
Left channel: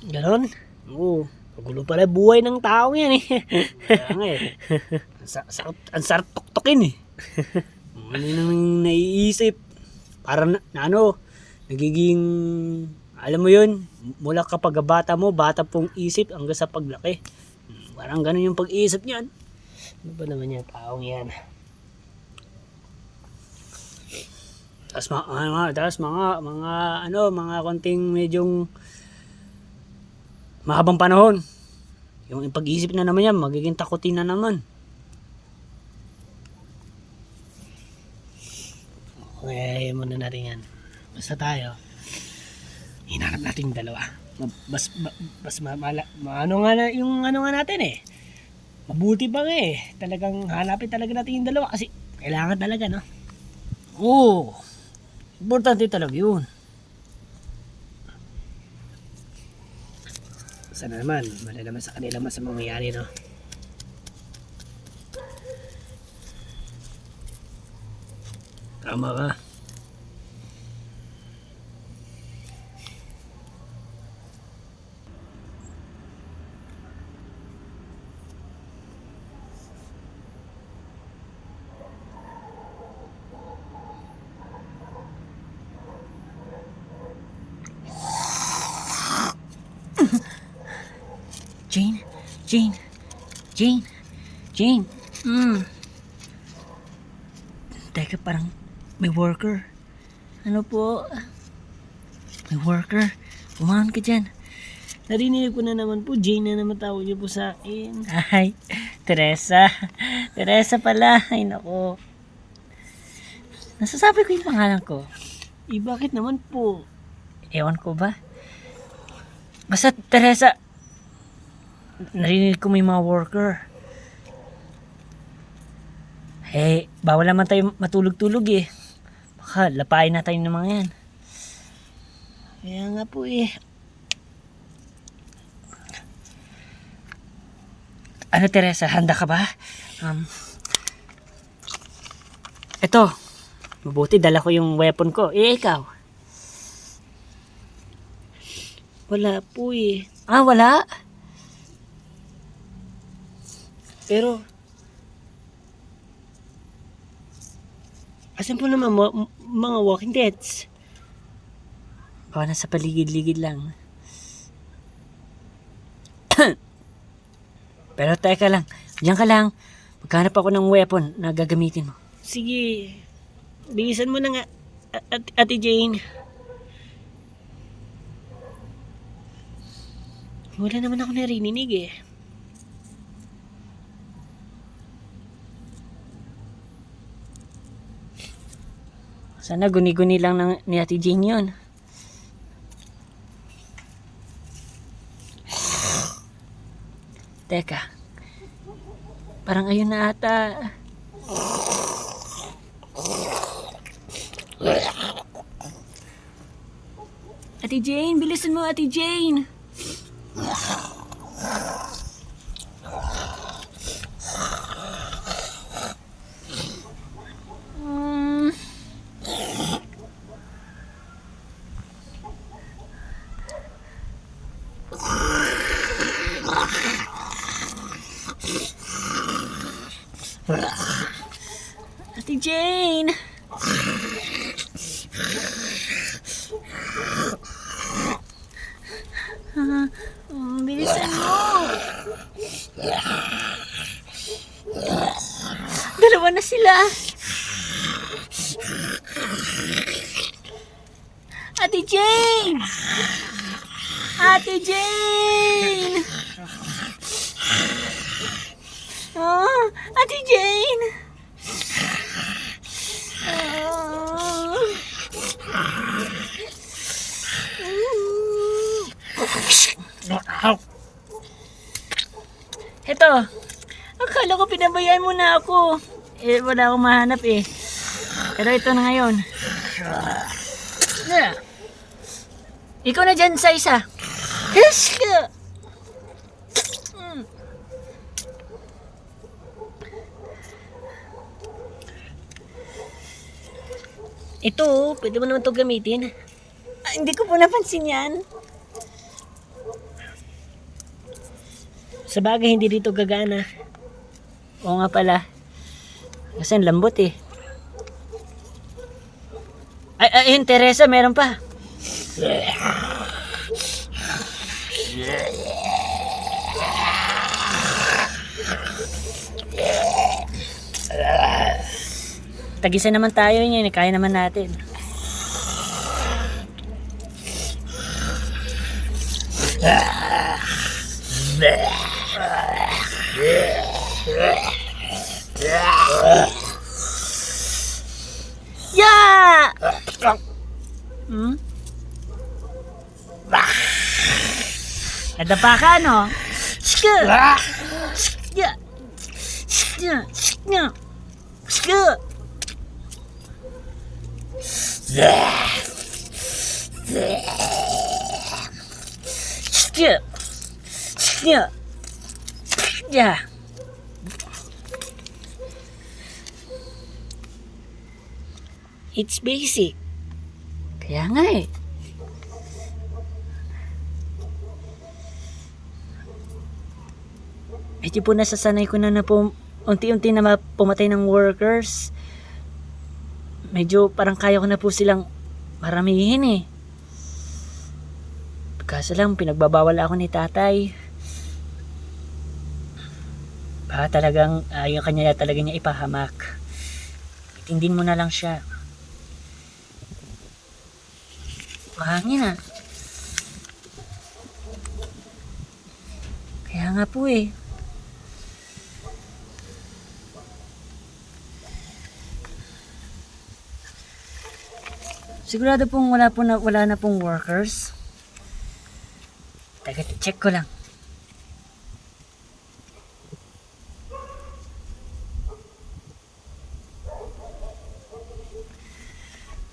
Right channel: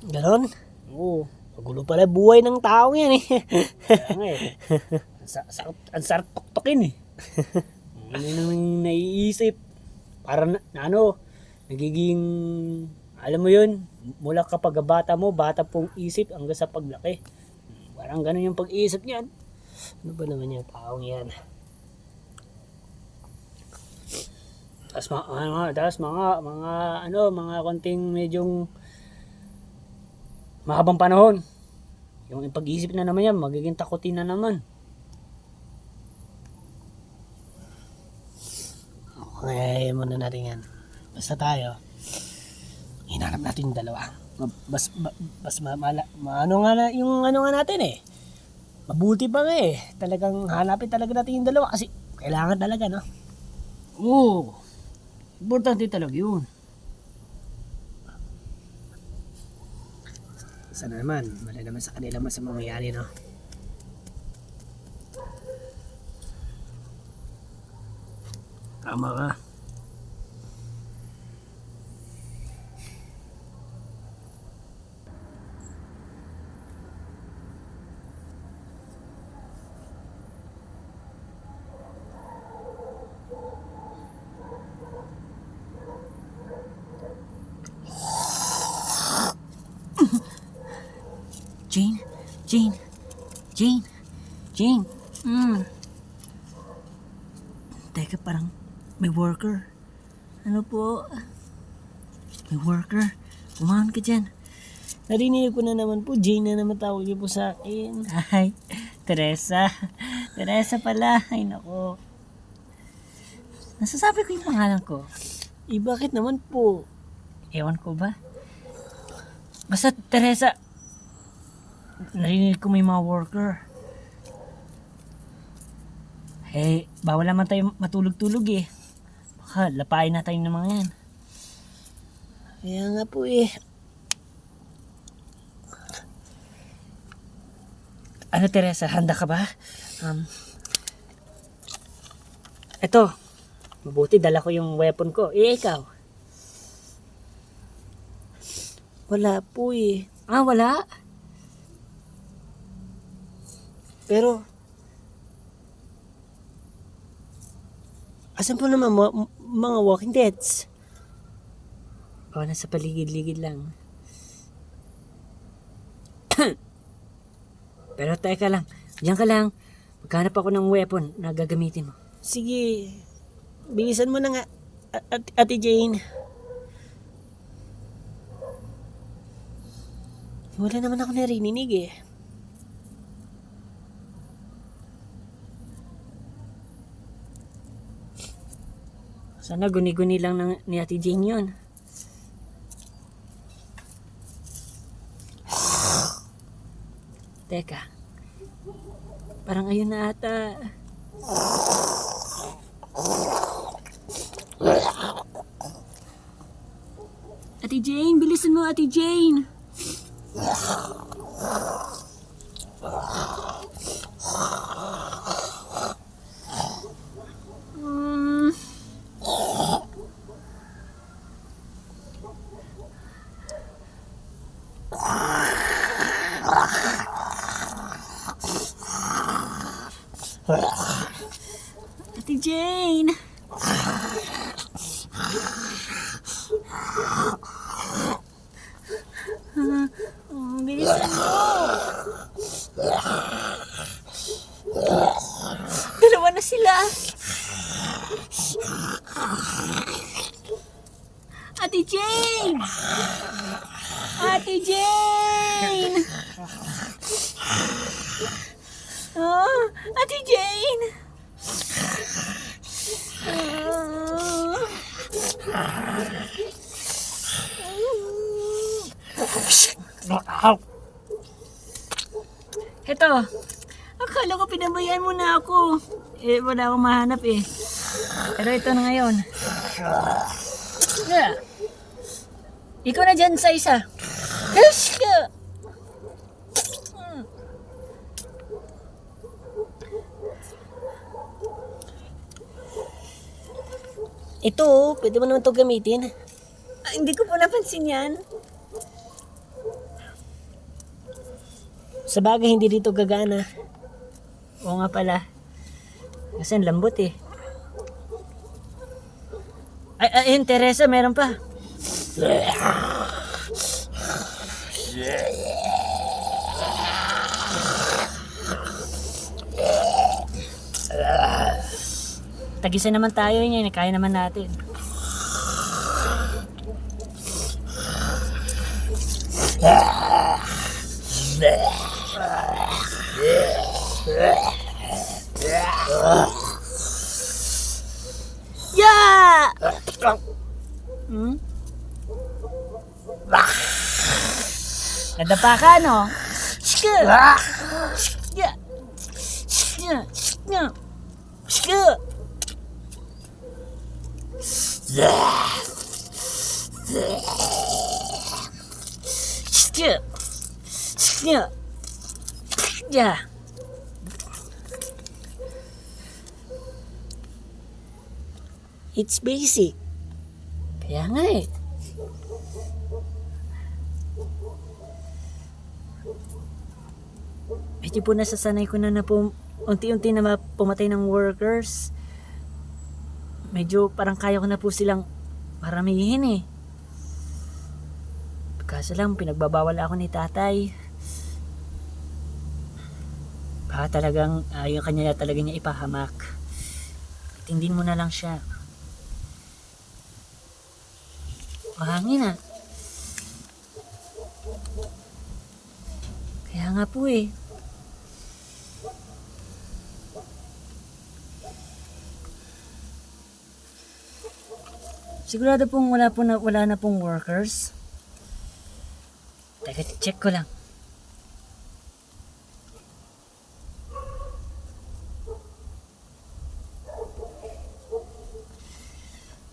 Ganon? Oo. Magulo pala buhay ng taong yan Kaya nga Ang sarap tuktokin Ano nang naiisip. Para nagiging, alam mo yun, mula kapag bata pong isip hanggang sa paglaki. Parang ganun yung pag-iisip niyan. Ano ba naman yung taong yan? Tapos mga konting medyong mahabang panahon. Yung pag-iisip na naman yan, magiging takutin na naman. Okay, muna natin yan. Basta tayo, hinanap natin yung dalawa. Ano nga na, yung ano nga natin eh. Mabuti pa nga eh. Talagang hanapin talaga natin yung dalawa kasi kailangan talaga, no? Oo, importante talaga yun. Sana naman, malalaman sa kanila mas ang mangyayari, no? Tama ka. Jane, Jane, Jane, Jane. Teka, parang may worker. Ano po? May worker. Kumahan ka dyan. Narinig ko na naman po, Jane na naman tawag niyo po sa akin. Ay, Teresa. Teresa pala. Ay, nako. Nasasabi ko yung pangalan ko. Bakit naman po? Ewan ko ba? Basta, Teresa, narinig ko may mga worker. Eh, bawal naman tayo matulog-tulog eh. Baka lapain na tayo ng mga yan. Kaya nga po eh. Ano, Teresa, handa ka ba? Eto, mabuti dala ko yung weapon ko. Eh, ikaw? Wala po eh. Ah, wala? Pero, asan po naman mga walking deads? Baka nasa paligid-ligid lang. Pero teka lang, diyan ka lang. Maghanap ako ng weapon na gagamitin mo. Sige, bilisan mo na nga, Ate Jane. Wala naman ako narinig eh. Sana guni-guni lang ni Ate Jane yun. Teka. Parang ayun na ata. Ate Jane, bilisan mo, Ate Jane. Ate Jane. Bilisan mo. Dalawa na sila. Ate Jane. Ate Jane. Oh, Ate Jane. Eto, akala ko pinabayaan mo na ako. Eh, wala akong mahanap eh. Pero ito na ngayon. Yeah. Ikaw na dyan sa isa. Yes ka! Ito, pwede mo naman ito gamitin. Ah, hindi ko po napansin yan. Sa bagay, hindi dito gagana. Oo nga pala. Kasi ang lambot eh. Ay, ayun, Teresa, meron pa. Tagisa naman tayo niyan, kaya naman natin. Yeah! Hmm? Nadapa ka, no? Shka! Shka! Shka! Shka! Shka! Shka! Shka! Yeah. It's basic. Kaya nga eh. Medyo po nasasanay ko na po unti-unti na pumatay ng workers. Medyo parang kaya ko na po silang maramihin eh. Kaso lang pinagbabawal ako ni tatay. Baka talagang ayaw kanya talaga niya ipahamak. Itindin mo na lang siya. Mahangin ah. Kaya nga po eh. Sigurado pong wala na pong workers. Teka, check ko lang.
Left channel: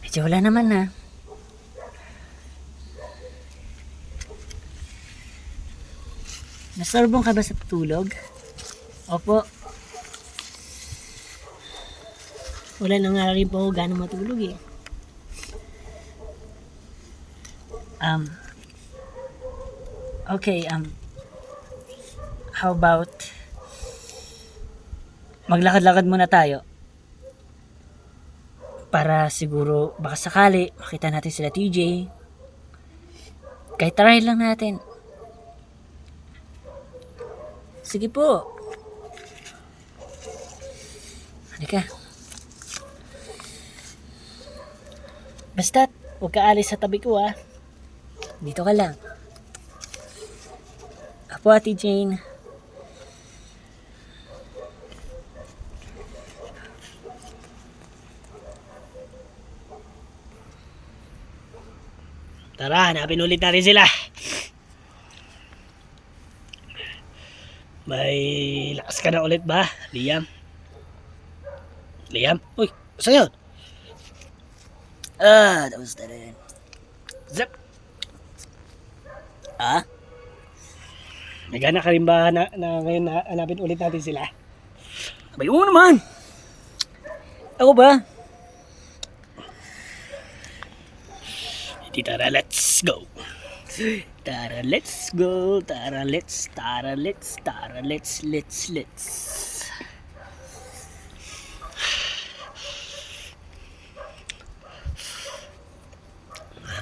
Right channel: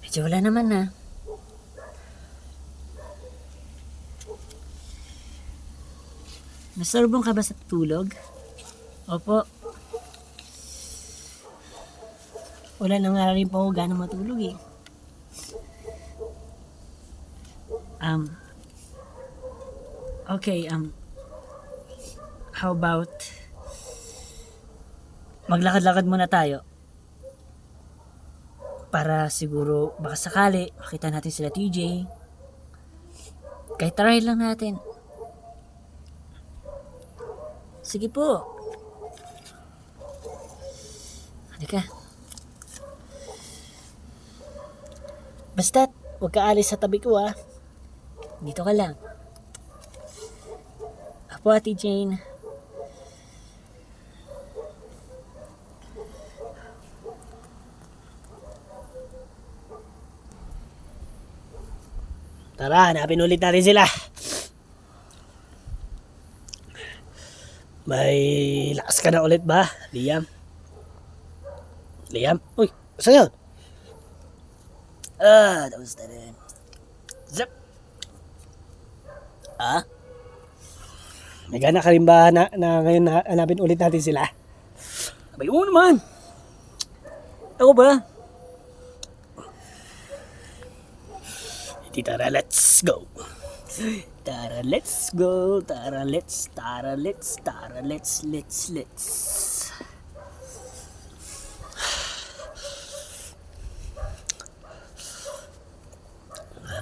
Medyo wala naman na. Nasorbong ka ba sa tulog? Opo. Wala na nga rin po ako gano'ng matulog eh. Okay, how about maglakad-lakad muna tayo para siguro baka sakali makita natin sila TJ, kahit try lang natin. Sige po, halika. Basta't huwag ka alis sa tabi ko ah. Dito ka lang. Apo, Ate Jane. Tara, hanapin ulit natin sila. May lakas ka na ulit ba, Liam? Liam? Uy, saan yun? Tapos na rin. Zap! Ah? May gana ka rin ba na ngayon hanapin ulit natin sila? Abay, oo naman. Ako ba? Tara, let's go. Tara, let's go. Tara, let's.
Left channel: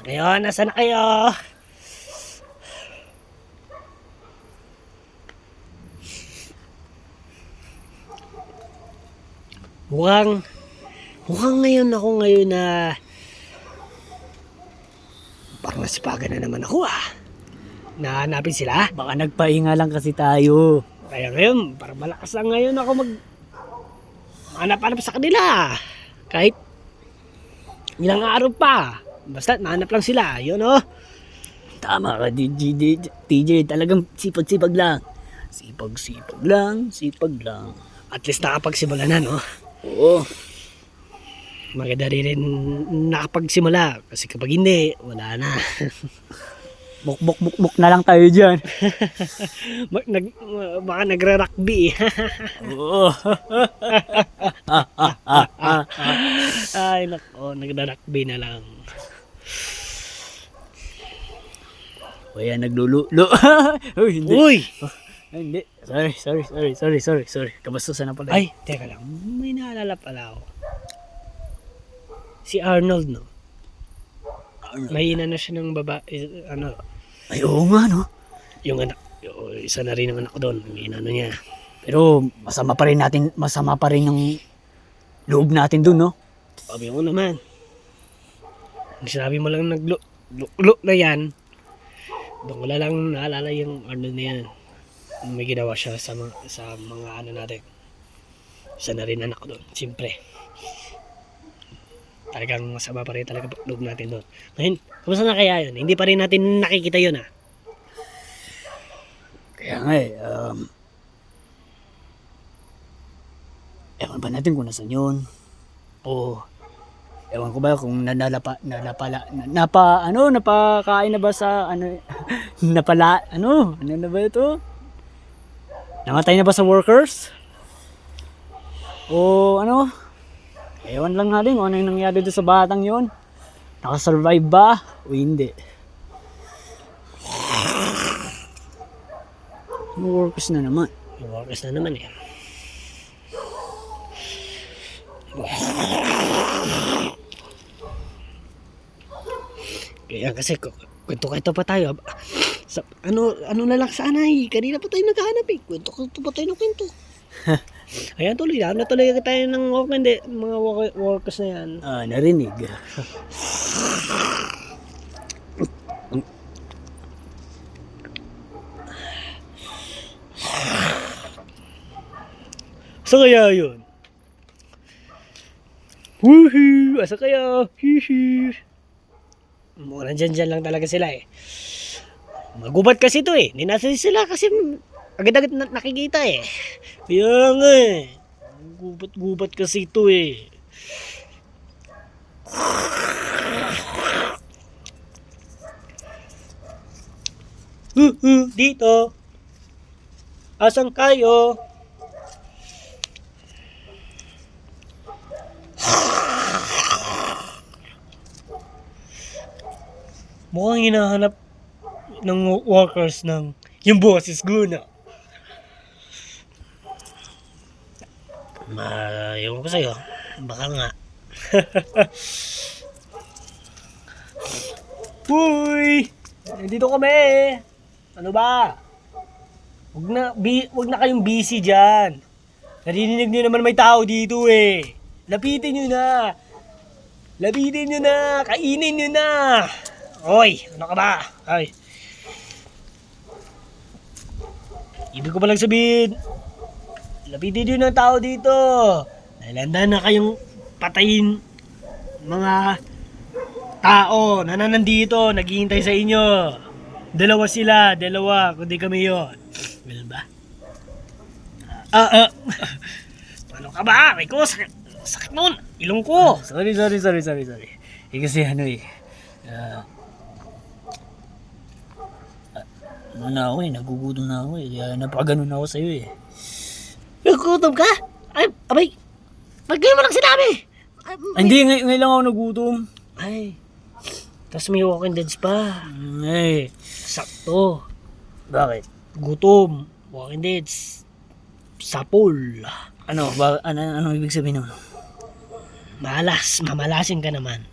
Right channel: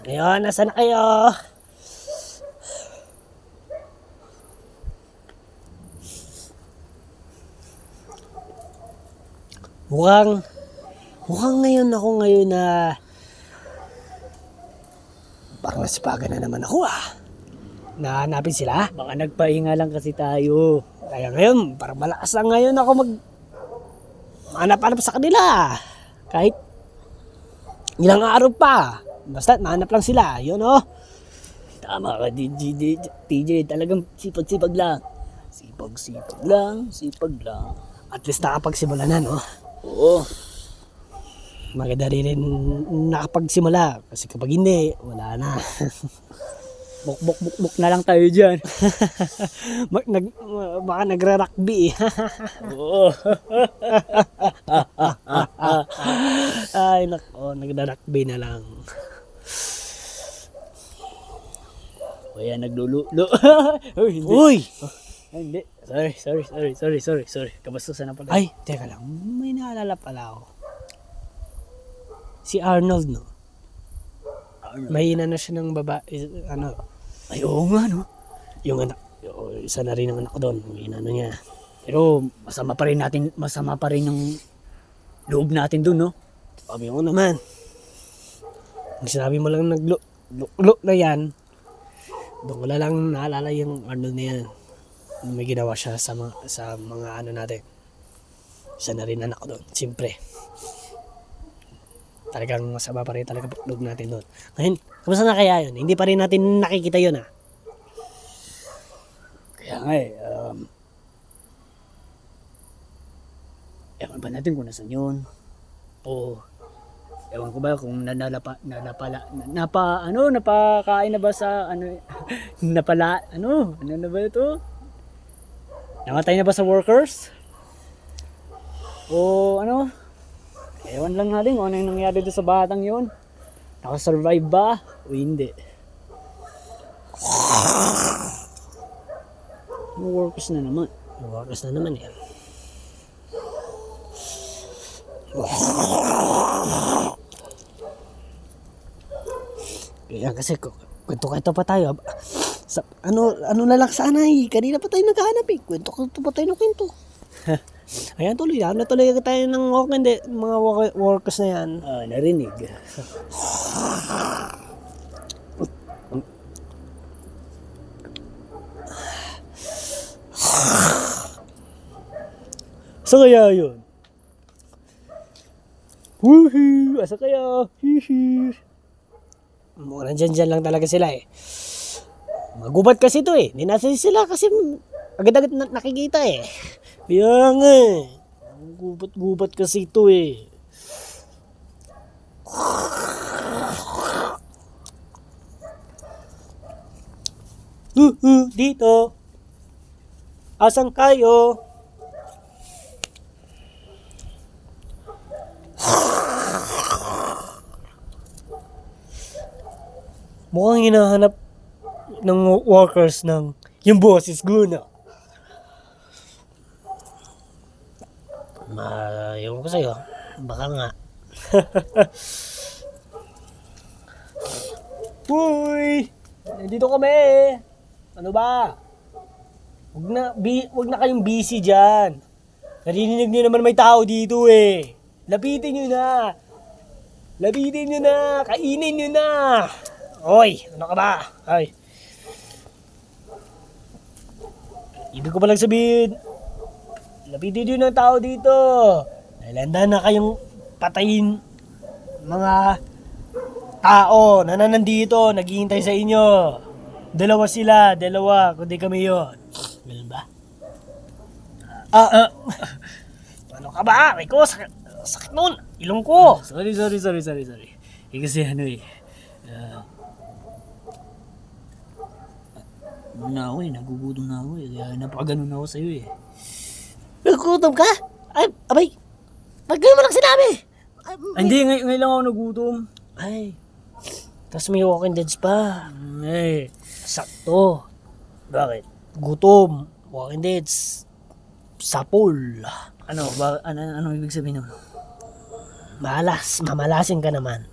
Ngayon, nasa na kayo? Mukhang ngayon na parang nasipagan na naman ako ah. Nahanapin sila. Baka nagpahinga lang kasi tayo. Kaya ngayon, parang malakas lang ngayon ako mahanap-hanap sa kanila. Kahit ilang araw pa. Basta nahanap lang sila. Yun oh. Tama ka, TJ. Talagang sipag-sipag lang. Sipag lang. At least nakapagsimula na no. Oo. Maganda rin nakapagsimula. Kasi kapag hindi, wala na. Buk na lang tayo dyan. Baka nagre-rugby. Oo. Ay nako, nagre-rugby na lang. O yan, naglululo. Uy, hindi. Uy! Ay, hindi. Sorry. Kabastusan na pala. Ay, teka lang. May naalala pala ako. Si Arnold, no? May inano siya ng babae, ano? Ay, oo nga, no? Yung anak, isa na rin ang anak ko doon. May inano niya. Pero masama pa rin yung loob natin dun, no? Sabi ko naman. Ang sinabi mo lang naglo na yan, doon ko lang naalala yung Arnold na yan. may ginawa siya sa mga ano natin. Isa na rin anak doon, siyempre. Talagang masama pa rin talaga loob natin doon. Ngayon, kamusta na kaya yun? Hindi pa rin natin nakikita yun ah. Kaya nga eh, ewan ba natin kung nasan yun? O, ewan ko ba kung napakain na ba sa, ano na ba ito? Namatay na ba sa workers? O, ewan lang natin kung ano yung nangyari doon sa batang yun. Nakasurvive ba o hindi? Workers na naman. Yung workers na naman eh. Kaya kasi kwento pa tayo. Ano na lang sana eh. Kanina pa tayo naghahanap eh. Kwento pa tayo ng kwento. Ayan tuloy. Natuloy tayo ng mga workers na yan. Narinig. Asa kaya yun? Woohoo! Asa kaya? Hihi! Mukhang dyan lang talaga sila eh. Magubat kasi ito eh. Hindi nasa sila kasi agad-agad nakikita eh. Kaya nga eh. Gubat kasi ito eh. Dito. Asan kayo? Mukhang hinahanap ng workers ng yung boses guna. Ewan ko sa'yo. Baka nga. Uy! Nandito kami. Ano ba? Wag na kayong busy dyan. Narinig nyo naman may tao dito eh. Lapitin nyo na. Kainin nyo na. Oy, ano ka ba? Ay. Ibig ko palang sabihin, lapitin nyo ng tao dito. Nailanda na kayong patayin mga tao na nandito, naghihintay sa inyo. Dalawa, kundi kami yun. Well ba? Ano ka ba? Rico, sakit nun. Ilong ko. Sorry. Kasi nagugutom na ako eh. Kaya napaganon ako sa'yo eh. Nagugutom ka? Ay, abay. Ba't ganyan mo lang sinabi? Hindi, ngayon lang ako nagutom. Ay. Tapos may Walking Deads pa. Eh, Sakto. bakit? Gutom. Walking Deads. Sapul. Ano ibig sabihin nun? Mamalasin ka naman.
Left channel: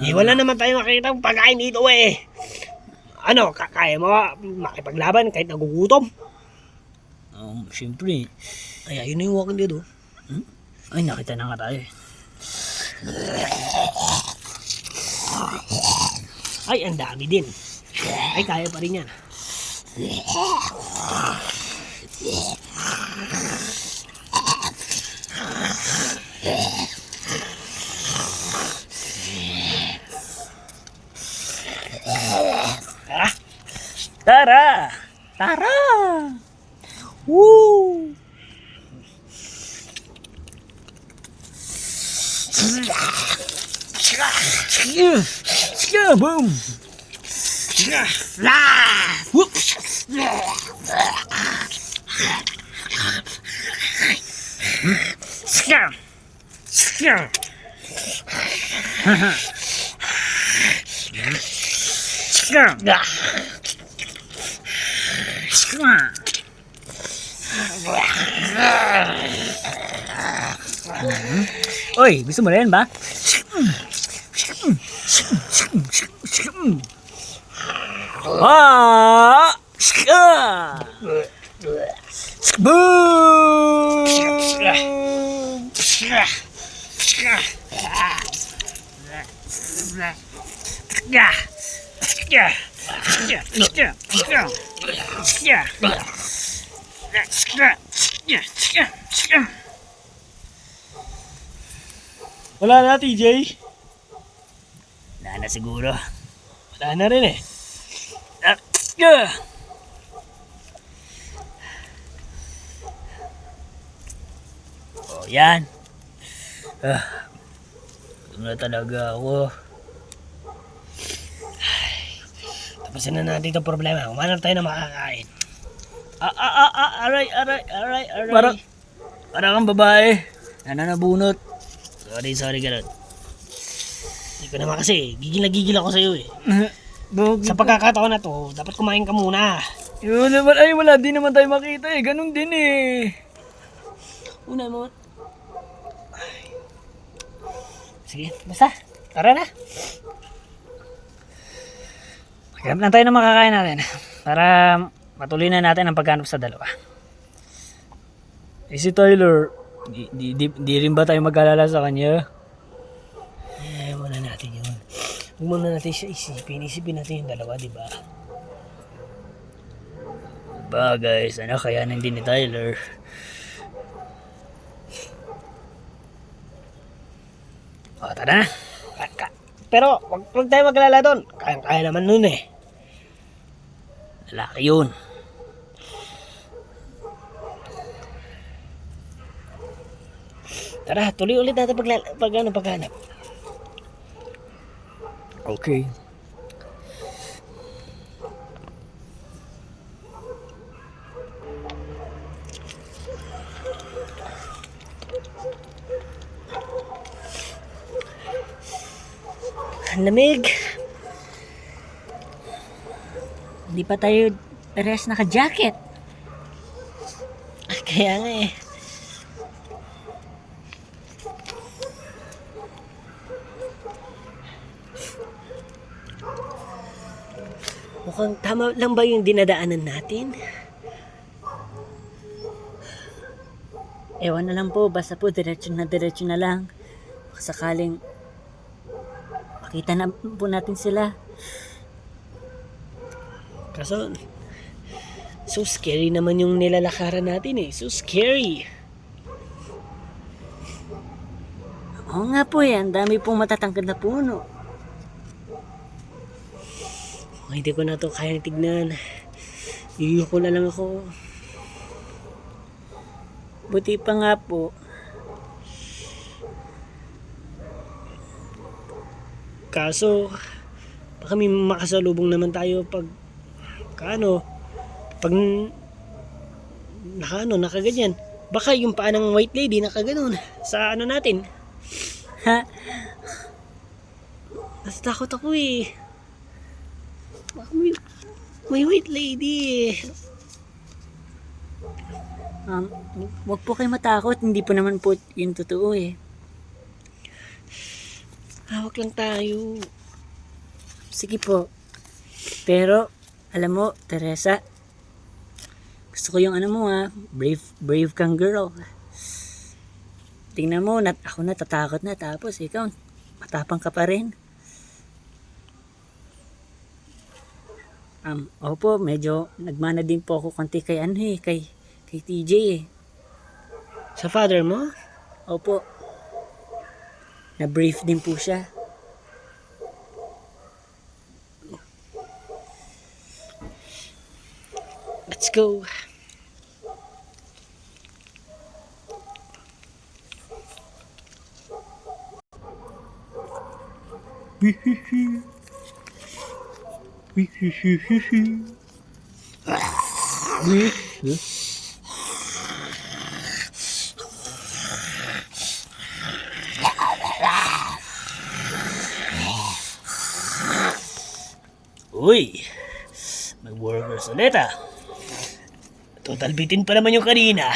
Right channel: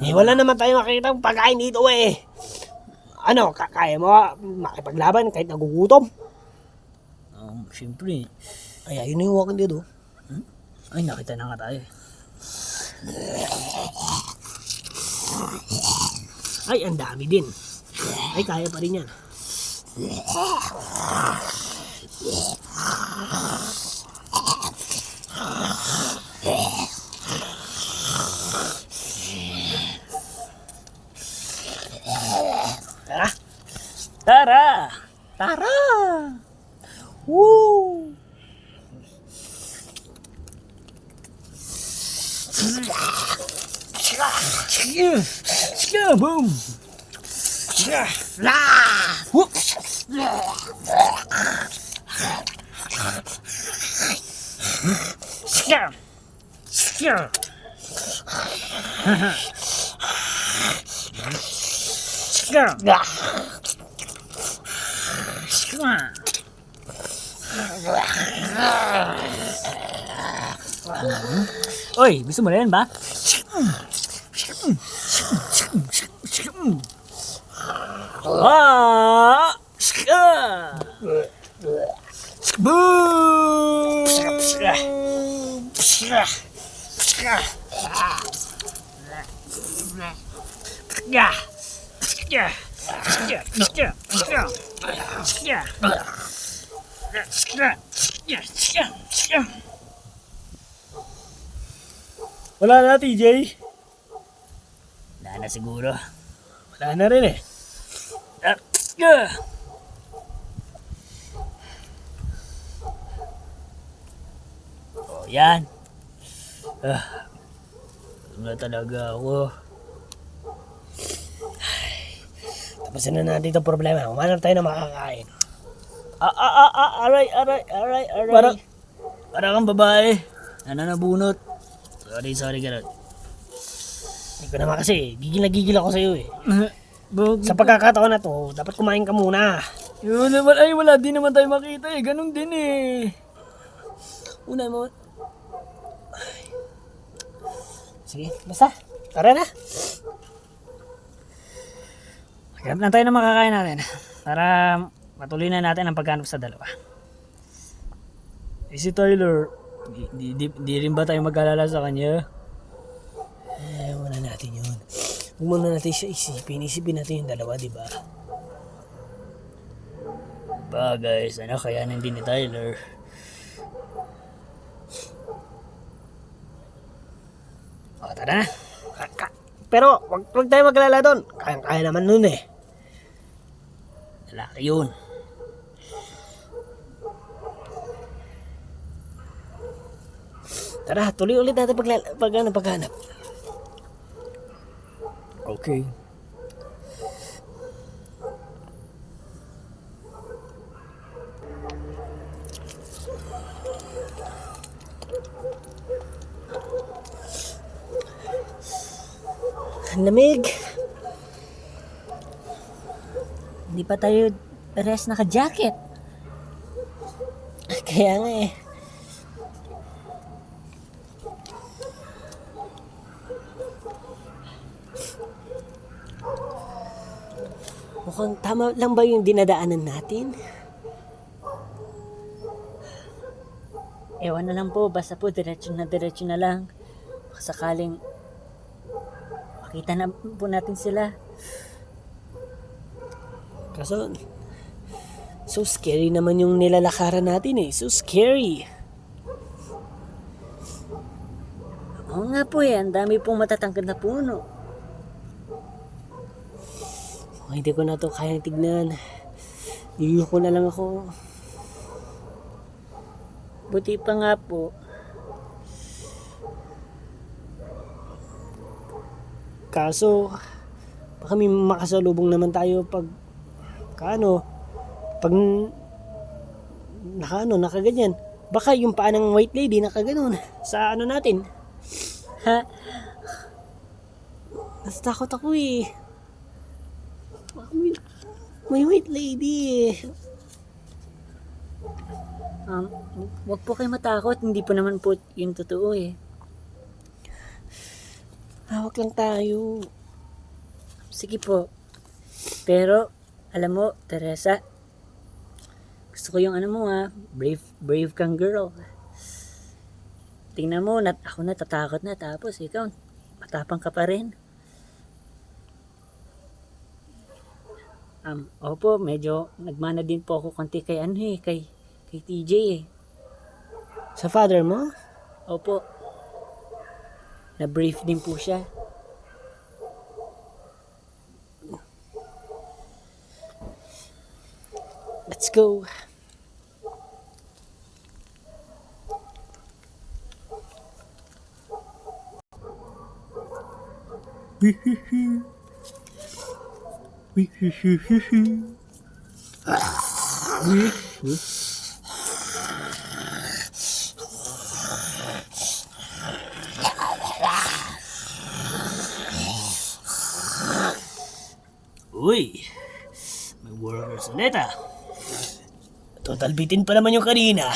Wala naman tayo makikita ng pagkain dito eh. Kaya mo makipaglaban kahit nagugutom? Siyempre. Ay, ayun na yung Walking Dead oh. Ay, nakita na nga tayo eh. Ay, ang dami din. Ay, kaya pa rin yan. Tara! Woo! Boom! Whoop! Oy, gusto mo rin ba? Wala na, TJ. Wala na siguro. Wala na rin eh. Oh, yan. Gutom na talaga ako. Tapusin na natin itong problema. Umanap tayo na makakain. Aray. Parang kang babae. Nananabunot. Sorry, ganun. Hindi ko naman kasi, gigil na gigil ako sa'yo eh. Bakit? Sa pagkakataon na to, dapat kumain ka muna. Yun naman, ay wala din naman tayo makita eh. Ganun din eh. Una mo. Sige, basta. Tara na. Maghanap lang tayo ng makakain natin para matuloy na natin ang paghanap sa dalawa. Eh si Tyler, di rin ba tayo mag-alala sa kanya? Ay, muna natin yun. Huwag muna natin siya isipin. Isipin natin yung dalawa, di ba? Bagay, sana kayanin din ni Tyler. O, tara na. Pero, wag tayo maglala doon. Kaya naman nun eh. Lalaki yun. Tara, tuloy ulit natin paghanap. Okay. Ang lamig. Hindi pa tayo parehas naka-jacket. Kaya nga eh. Mukhang tama lang ba yung dinadaanan natin? Ewan na lang po, basta po diretso na lang. Sakaling makita na po natin sila. Kaso, so scary naman yung nilalakaran natin eh. So scary. Oo nga po eh, ang dami pong matatangkad na puno. Kung hindi ko na to kayang tignan, yuyuko na lang ako. Buti pa nga po, kaso, baka may makasalubong naman tayo pag nakaganyan. Baka yung paa ng white lady nakaganon sa ano natin. ha? Natatakot ako eh. Baka may white lady eh. Wag po kayo matakot, hindi po naman po yung totoo eh. Hawak lang tayo. Sige po. Pero, alam mo, Teresa, gusto ko yung ano mo ha, brave kang girl. Tingnan mo, ako natatakot na, tapos ikaw, matapang ka pa rin. Opo, medyo nagmana din po ako konti kay kay TJ eh. Sa father mo? Opo. Na-brief din po siya. Let's go. Uy, may workers ulit ah. Total bitin pa naman yung kanina.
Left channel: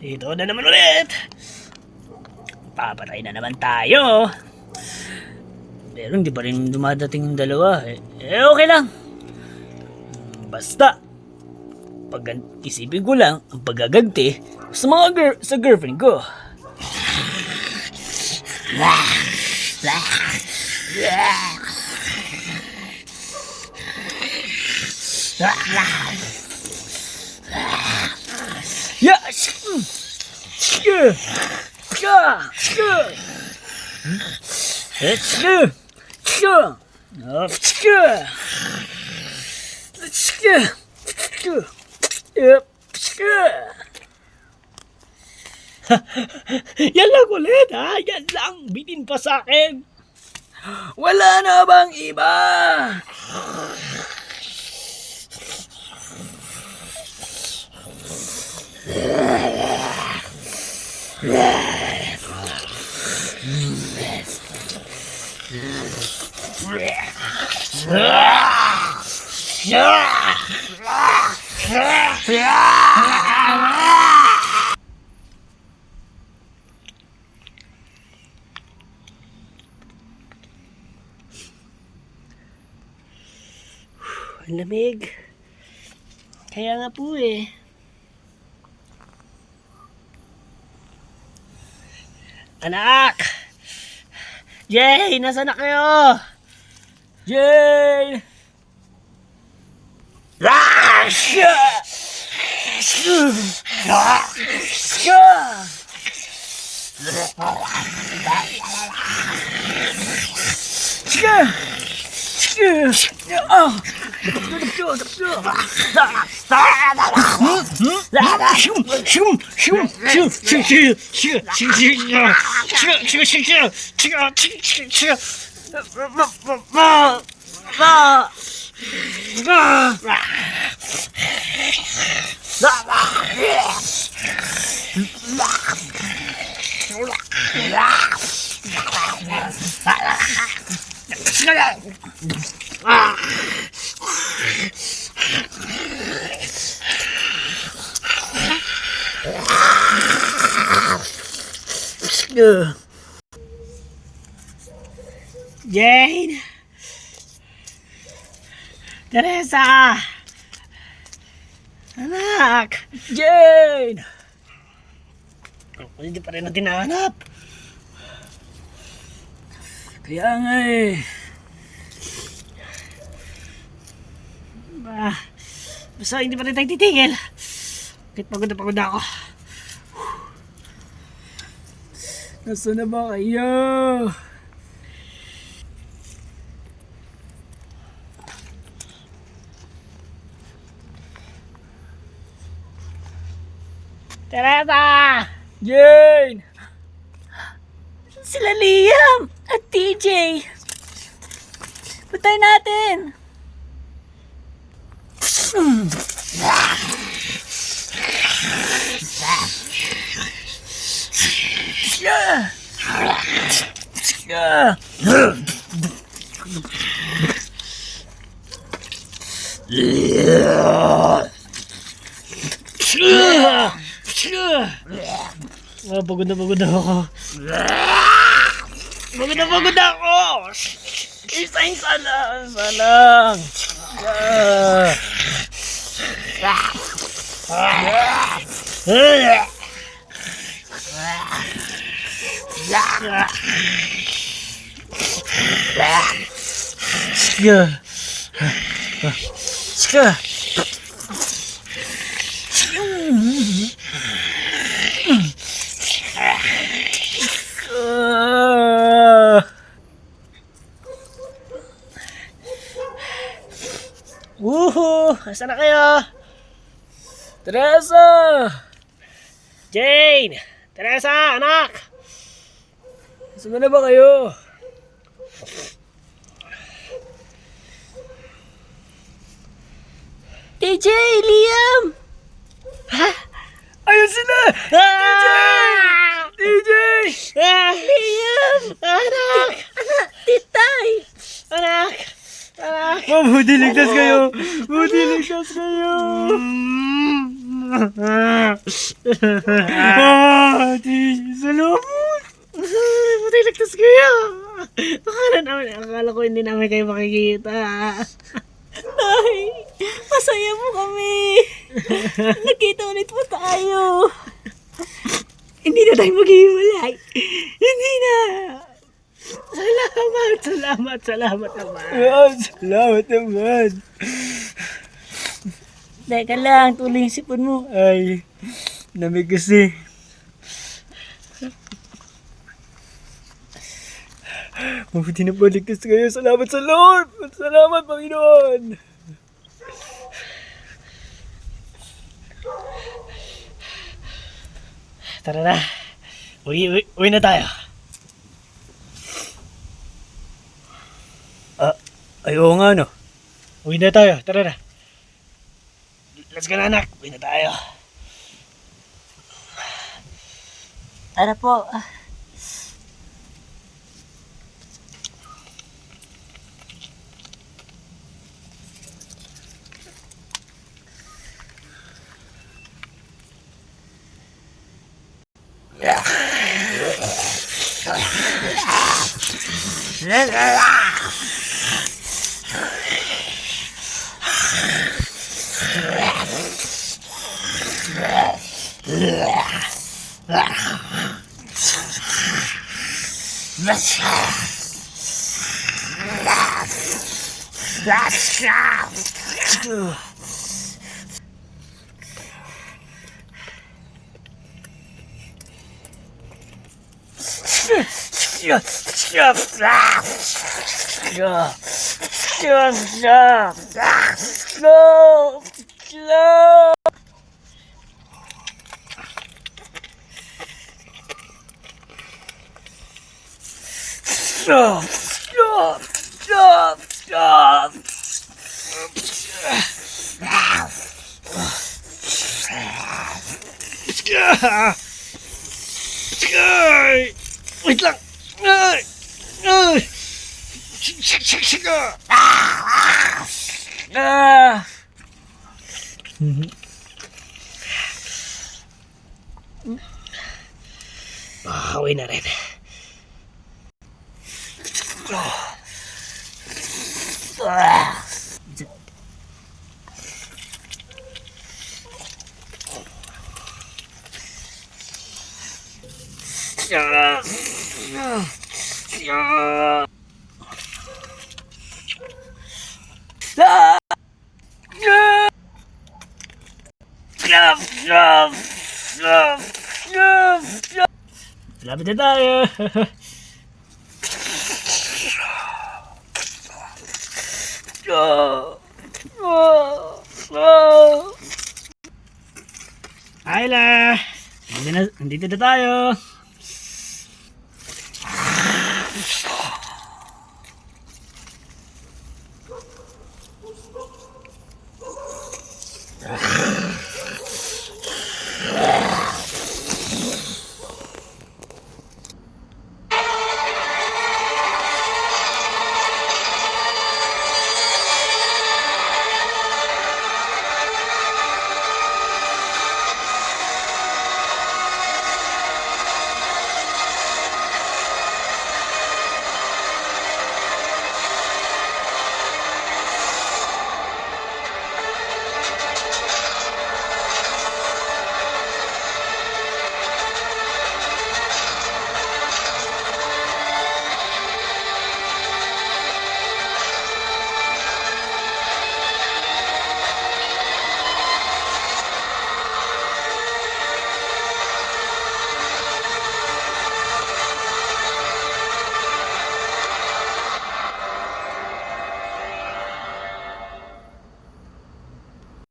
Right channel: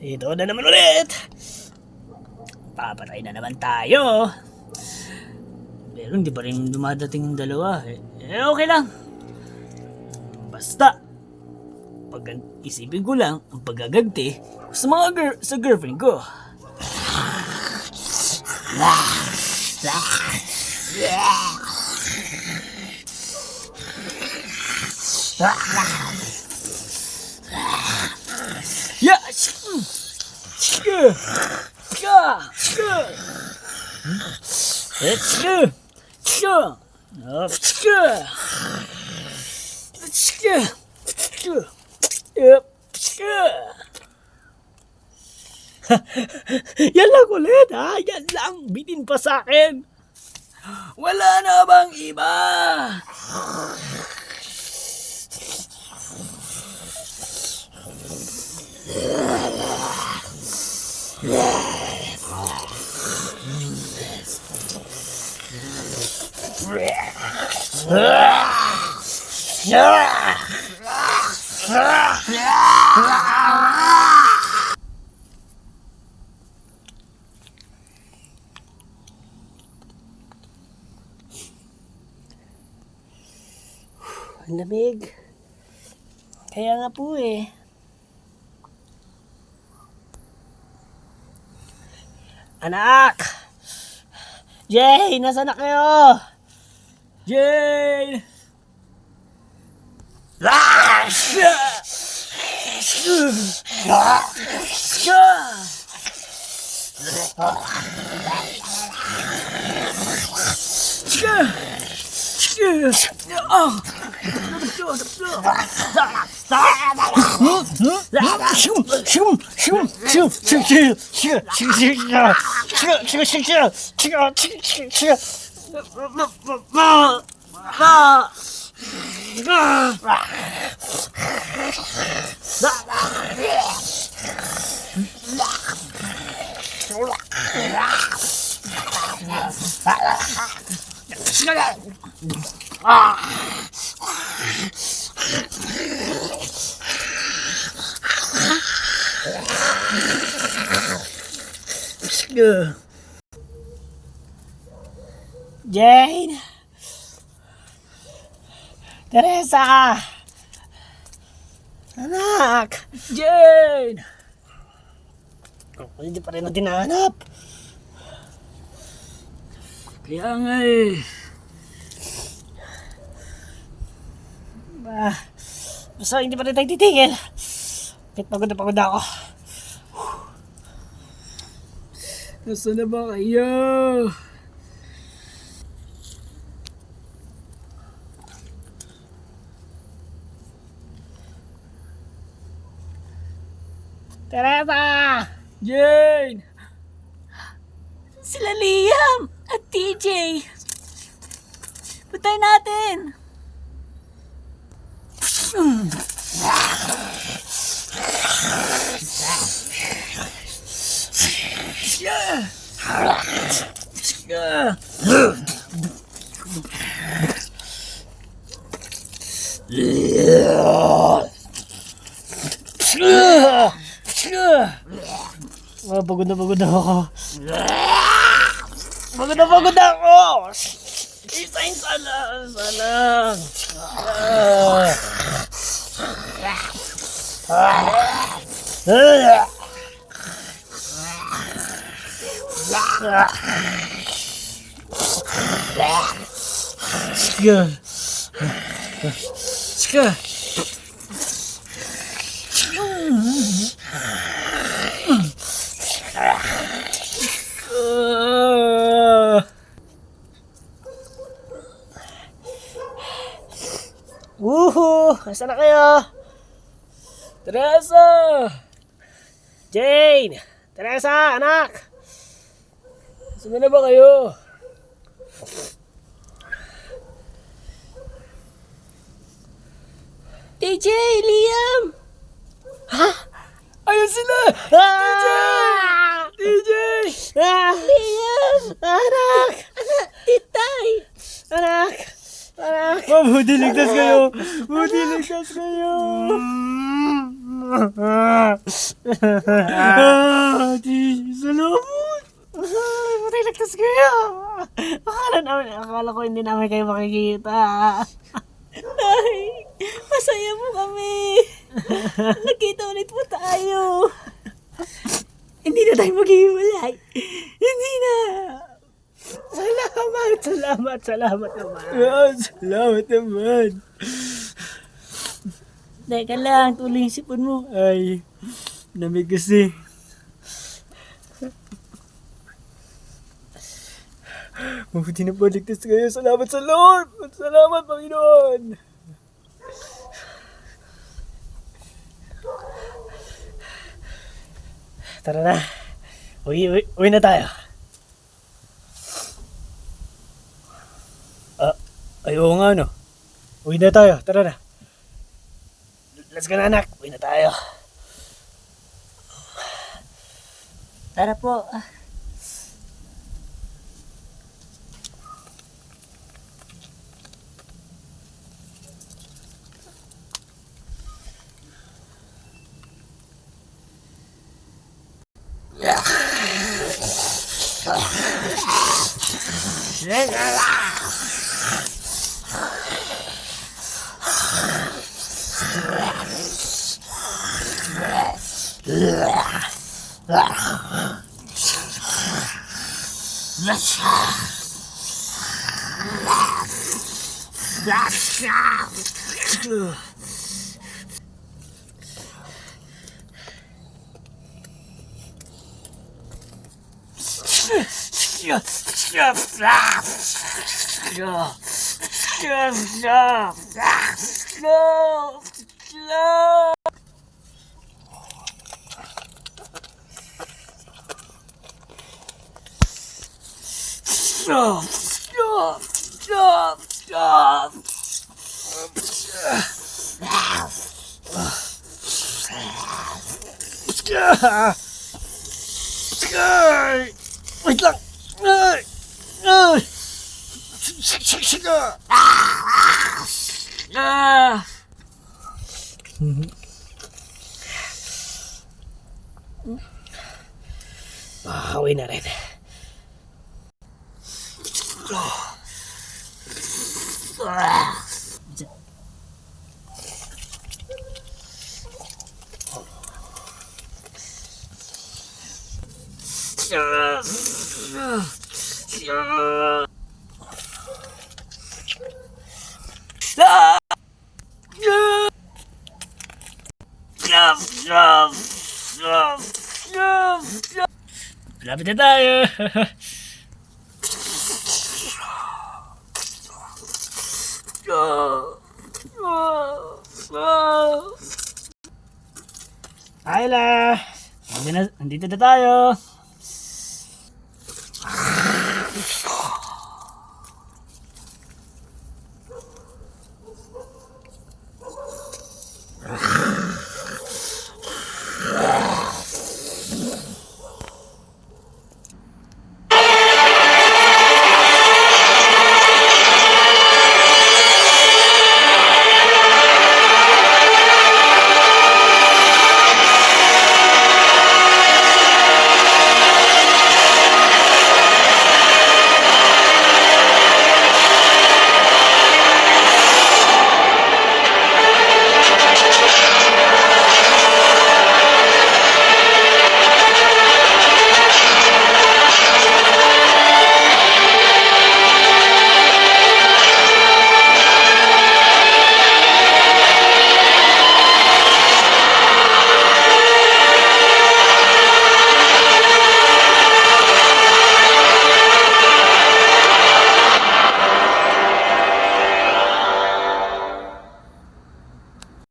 Ito na naman ulit. Papatay na naman tayo. Pero hindi pa rin dumadating yung dalawa. Okay lang. Basta, isipin ko lang ang paggaganti sa sa girlfriend ko. Yes! Shka! Shka! Shka! Shka! Shka! Shka! Shka! Shka! Shka! Yan lang ulit ha, yan lang, bitin pa sa akin. Wala na bang iba? Ang lamig. Kaya nga po eh. Anak! Jay! Nasaan na kayo? Jane! Jane! Teresa! Anak! Jane! Hindi pa rin natin nahanap. Kaya nga eh. Basta hindi pa rin tayo titigil. Kahit pagod na ako. Nasaan na ba kayo? Teresa! Jane! Sila Liam at TJ. Patay natin. Pagod na ako. Pagod na ako! Isa lang. Woohoo! Nasaan na kayo? Teresa! Jane! Teresa, anak! Nasaan na ba kayo? TJ, Liam. Ayun sila! TJ! TJ! Liam. Anak! Titay. Anak! Anak! Mabuti ligtas kayo! Mabuti ligtas kayo! Salamat! Buti ligtas kayo! Akala ko hindi namin kayo makikita. Ay, masaya mo kami. Nagkita ulit po tayo. Hindi na tayo maghiwalay. Hindi na. Salamat naman. Salamat naman! Teka lang, tuloy yung sipon mo. Ay, lamig kasi. Mabuti na baligtas kayo. Salamat sa Lord. Salamat, Panginoon. Tara na. Uwi na tayo. Ay, oo nga, no. Uwi na tayo. Tara na. Let's go na, anak. Uwi na tayo. Tara po. Ay! Wait lang! Ay! Ay! Ah! Makakauwi na rin. Lapit na tayo. Ayla! Nandito na tayo.